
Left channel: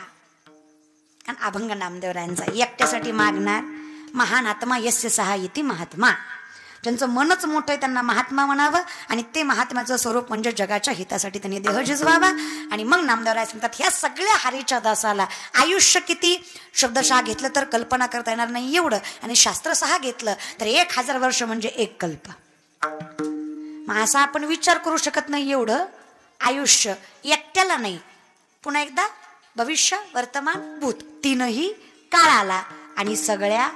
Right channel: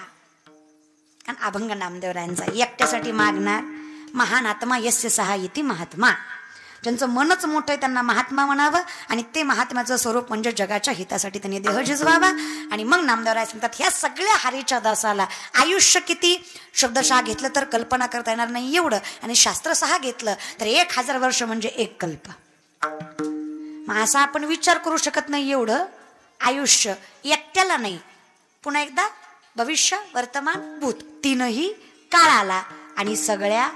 अभंग नामदेवरायांचा एकट्यासाठी मागणार महान आत्मा यस्य सहायते महात्मा. त्यांचं मनच मोठं आहे, त्यांना महात्मा म्हणावं. आणि ते महात्म्याचं स्वरूप म्हणजे जगाच्या हितासाठी त्यांनी देह झिजवावा. आणि मग नामदेवराय सांगतात ह्या सगळ्या हरीच्या दासाला आयुष्य किती शब्दशः घेतलं तर कल्पना करता येणार नाही एवढं, आणि शास्त्रशः घेतलं तर 1000 वर्ष म्हणजे एक कल्प. मग असा आपण विचार करू शकत नाही एवढं आयुष्य एकट्याला नाही. पुन्हा एकदा भविष्य वर्तमान भूत तीनही काळाला आणि सगळ्या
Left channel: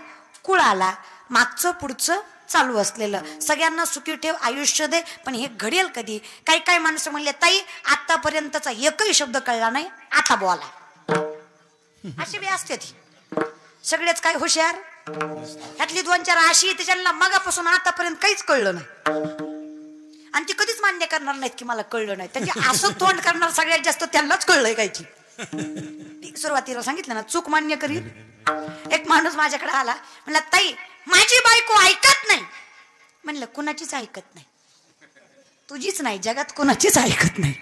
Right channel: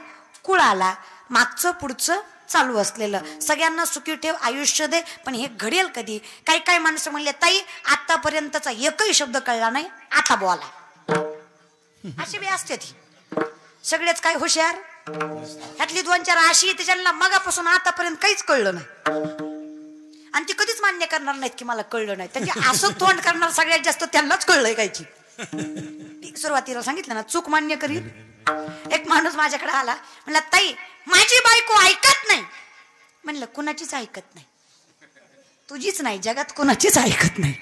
कुळाला, मागचं पुढचं चालू असलेलं, सगळ्यांना सुखी ठेव, आयुष्य दे. पण हे घडेल कधी? काही काही माणसं म्हणले ताई आतापर्यंतचा एकही शब्द कळला नाही, आता बोला. अशी बी असते ती. सगळेच काय हुशार, त्यातली 2-4 अशी त्याच्याला मगापासून आतापर्यंत काहीच कळलं नाही. आणि ते कधीच मान्य करणार नाहीत की मला कळलं नाही. तर असं तोंड करणार सगळ्यात जास्त त्यांनाच कळलंय कायची. सुरुवातीला सांगितलं ना, चूक मान्य करीन. एक माणूस माझ्याकडे आला, म्हणला ताई माझी बायको ऐकत नाही. म्हणलं कोणाचीच ऐकत नाही, तुझीच नाही, जगात कोणाचीच ऐकत नाही.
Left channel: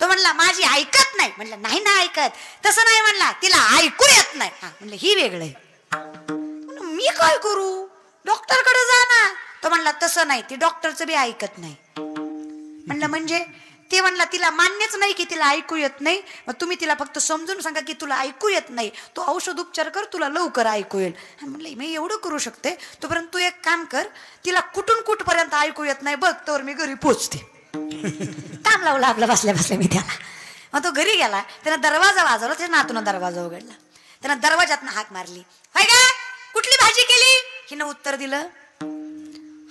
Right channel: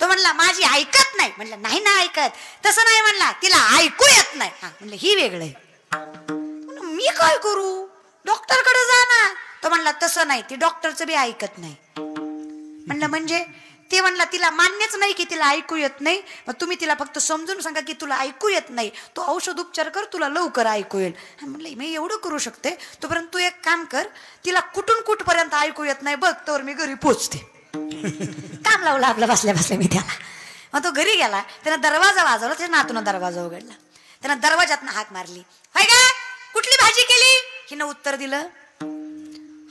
तो म्हणला माझी ऐकत नाही. म्हणलं नाही ना ऐकत. तसं नाही म्हणला, तिला ऐकू येत नाही. म्हणलं हे वेगळं. मी काय करू? डॉक्टरकडे जा ना. तो म्हणला तसं नाही, ती डॉक्टरचं बी ऐकत नाही. म्हणलं म्हणजे? ते म्हणला तिला मान्यच नाही की तिला ऐकू येत नाही. मग तुम्ही तिला फक्त समजून सांगा की तुला ऐकू येत नाही, तो औषध उपचार कर, तुला लवकर ऐकू येईल. म्हणलं मी एवढं करू शकतोय, तोपर्यंत तू एक काम कर, तिला कुठून कुठपर्यंत ऐकू येत नाही बघ, तर मी घरी पोचते. काम लावलं आपलं बसल्या बसल्या मी त्याला. मग तो घरी गेलाय, तिने दरवाजा वाजवला, तिने नातून दरवाजा उघडला, त्यानं दरवाजातनं हाक मारली, कुठली भाजी केली? हिनं उत्तर दिलं.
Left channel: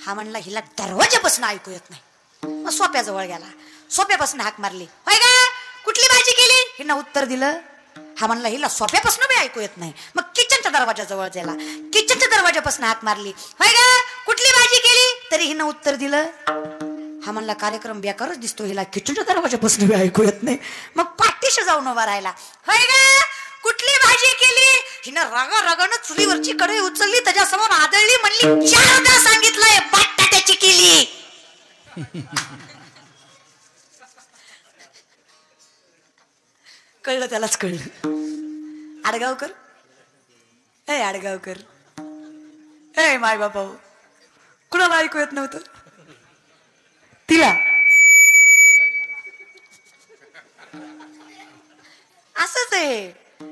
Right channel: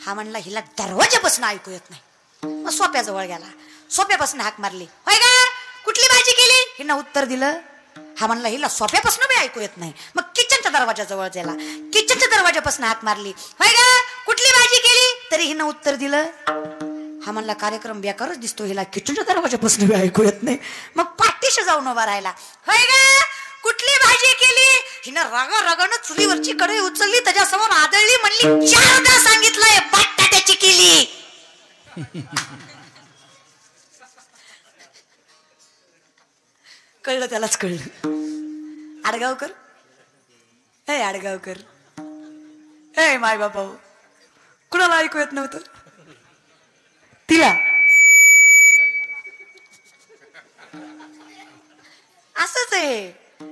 हा म्हणला हिला दरवाजापासून ऐकू येत नाही. मग सोप्याजवळ गेला, सोप्यापासून हाक मारली, कुठली भाजी केली? हिनं उत्तर दिलं. हा म्हणला हिला सोप्यापासून बी ऐकू येत नाही. मग किचनच्या दरवाजाजवळ गेला, किचनच्या दरवाजापासून हाक मारली, कुठली भाजी केली? तरी हिनं उत्तर दिलं. हा म्हणला कार्यक्रम बेकारच दिसतो, हिला किचनच्या दरवाजापासून ऐकू येत नाही. मग पाठीशी जाऊन उभा राहिला, कुठली भाजी केली? हिनं रागारागाने चुलीवरची कढई उचलली, त्याच्यासमोर आदळली, म्हणली सांगितलंय बटाट्याची केली. कळलं त्यालाच कळलं. आडगावकर, हे आडगावकर, हे माय बाबा, कुणाला ऐकू येत नव्हतं तिला. असंच आहे.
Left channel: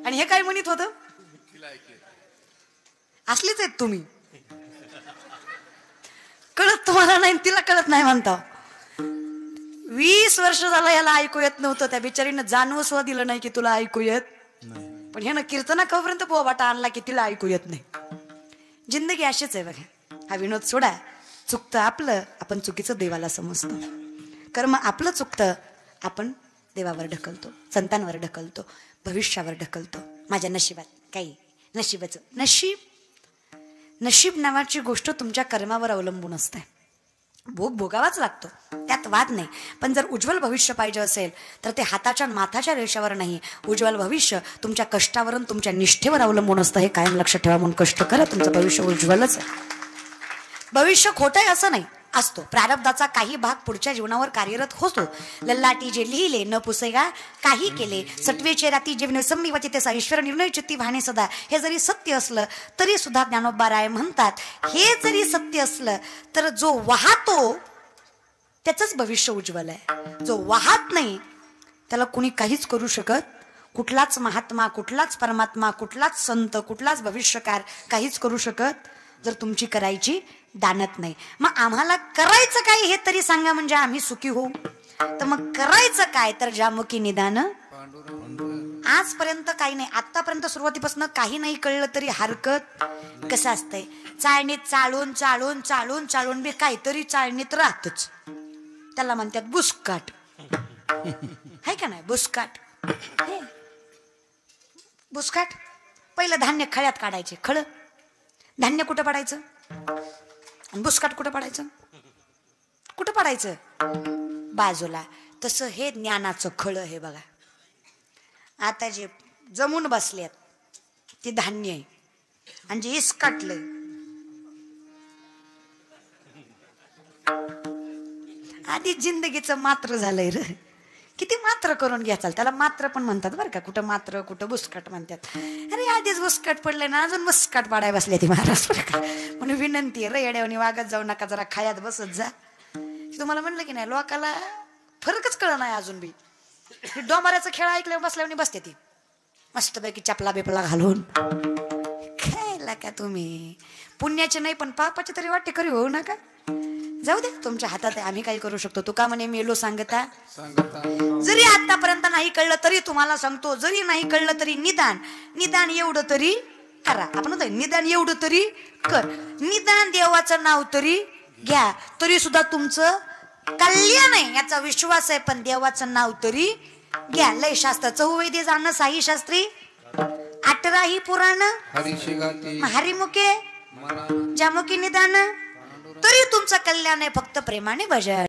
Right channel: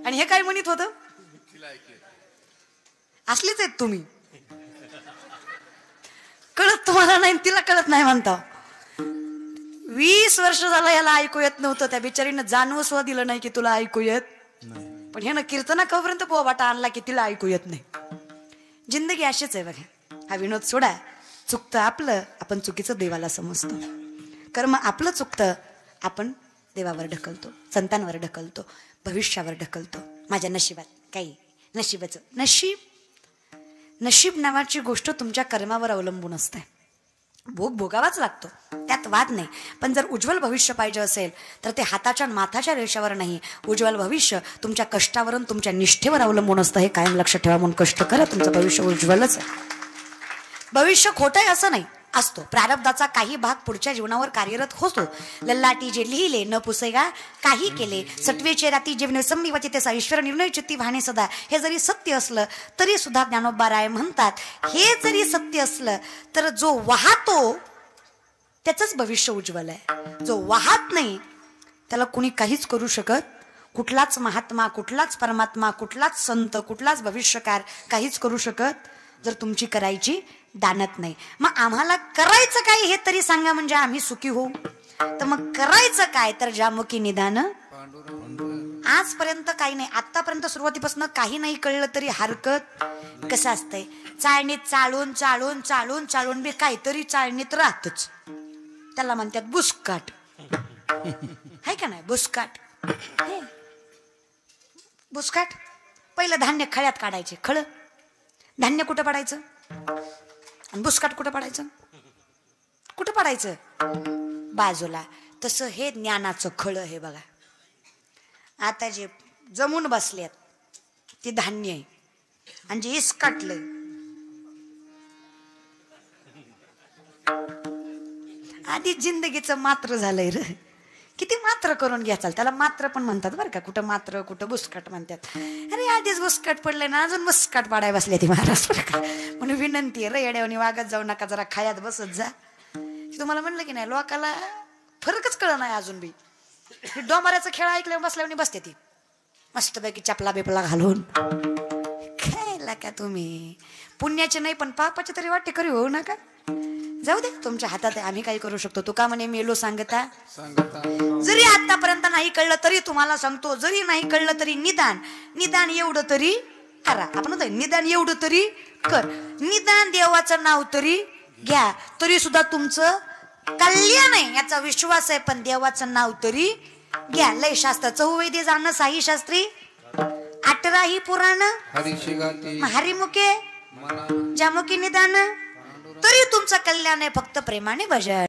आणि हे काय म्हणत होत? असलेच आहेत तुम्ही. कळत तुम्हाला नाही, तिला कळत नाही म्हणता. 20 वर्ष झालं याला ऐकू येत नव्हतं. त्या बिचारीनं जाणवं सुद्धा दिलं नाही की तुला ऐकू येत. पण ह्यानं कीर्तना कवपर्यंत बोबाटा आणला की तिला ऐकू येत नाही. जिंदगी अशीच आहे बघा. हा विनोद सोडाय. चुकतं आपलं, आपण चुकीचं देवाला समजतो. कर्म आपलं चुकतं, आपण देवावर ढकलतो, संतांवर ढकलतो, भविष्यावर ढकलतो. माझ्या नशिबात काही नशिबाचं नशीब नावाची गोष्ट तुमच्या कर्मावर अवलंबून असते. भोग भोगावाच लागतो, त्यात वाद नाही. पण जर उज्ज्वल भविष्य पाहिजे असेल तर ते हाताच्या माथाच्या रेषेवर नाही. उज्ज्वल भविष्य तुमच्या कष्टावरून, तुमच्या निष्ठेवर अवलंबून असतं. हे कायम लक्षात ठेवा. म्हणून कष्ट करा, तुमचं भविष्य उज्ज्वलच. भविष्य खोटं असं नाही, असतो. प्रारब्धाचा काही भाग पुढच्या जीवनावर कार्यरत होतो. ललाटी जे लिहिले न पुसेगा काही केले, सत्वीचे राती जीवने संनिवती ते सरीश्वर निर्णय चित्ती वाहने सदा. हे जरी सत्य असलं तरी सुद्धा ज्ञानोबा राय म्हणतात, हे जरी सत्य असलं तर जो वाहतो त्याचंच भविष्य उज्ज्वल आहे. जो वाहत नाही त्याला कुणी काहीच करू शकत. कुठलाच महात्मा, कुठलाच परमात्मा, कुठलाच संत, कुठलाच भविष्यकार काहीच करू शकत जर तुमची करायची दानत नाही. मग आम्हाला करायचं काय हे तरी सांगा, म्हणजे आम्ही सुखी होऊ. तर मग करायचं काय तर ज्यामुखी निदान. आजपर्यंत काही नाही, आतापर्यंत सुरुवातीपासून काही नाही कळलं तरी हरकत. कसं असतंय, चाळणीत चाळून चाळून चाळून चाळून बे काहीतरी चाळणीत राहतच. त्याला म्हणतात बुसकाट. है का नाही बुसकाट. बुसकाट पहिलं धान्य खळ्यात काढायचे. खळ धान्य कुठं पडायचं, बुसकाट कुठं पडायचं, कुठं पडायचं बाजूला. तसं हे ज्ञानाचं खळ आहे बघा. आता जे जमून बसलेत ते धान्य आहे, आणि जे इसकाटलंय आधी जिंदगीचं मात्र झालंय. किती मात्र करून घ्याचाल, त्याला मात्र पण म्हणतात बरं का. कुठं मात्र, कुठं बुसकाट म्हणतात. अरे आधीच बुसकाट पडलंय ना, अजून बुसकाट पाडाय बसले ती महाराष्ट्र. म्हणून विनंती आहे, येड्यावानी वागत जाऊ नका, जरा खायात बसत जा. तुम्हाला म्हणलं की नाही, लोकाला फरकच कळ नाही अजून बी. डोमाऱ्याचा खेळ ऐकल्यावर बसल्यावर बसते ती मस्तपैकी चपला बिपला घालून. खायला का तुम्ही पुण्याचे नाही पण पापाचे तरी वाटे करी होऊ नका. जाऊ दे, तुमच्या हातात आम्ही काही करू शकतो. तो का म्हणे मेलो सांगत आहे. जरी आतापर्यंत नाही कळलं तरी तुम्हाला सांगतो, जरी नाही कळलं तरी निदान एवढं तरी करा. आपण निदान एवढं तरी कर. निदान देवाचं नाव तरी घ्या, तरी सुद्धा तुमचं कल्याण आहे याचा विश्वास आहे. पण देवाचं नाव तरी घ्या. लय शास्त्र चौवेदे जाणं, साई शास्त्री 18 पुराण, हरिमुखे ज्यामुखी निदान, तरी तुमचं कल्याण आहे. फक्त प्रेमाने बजा.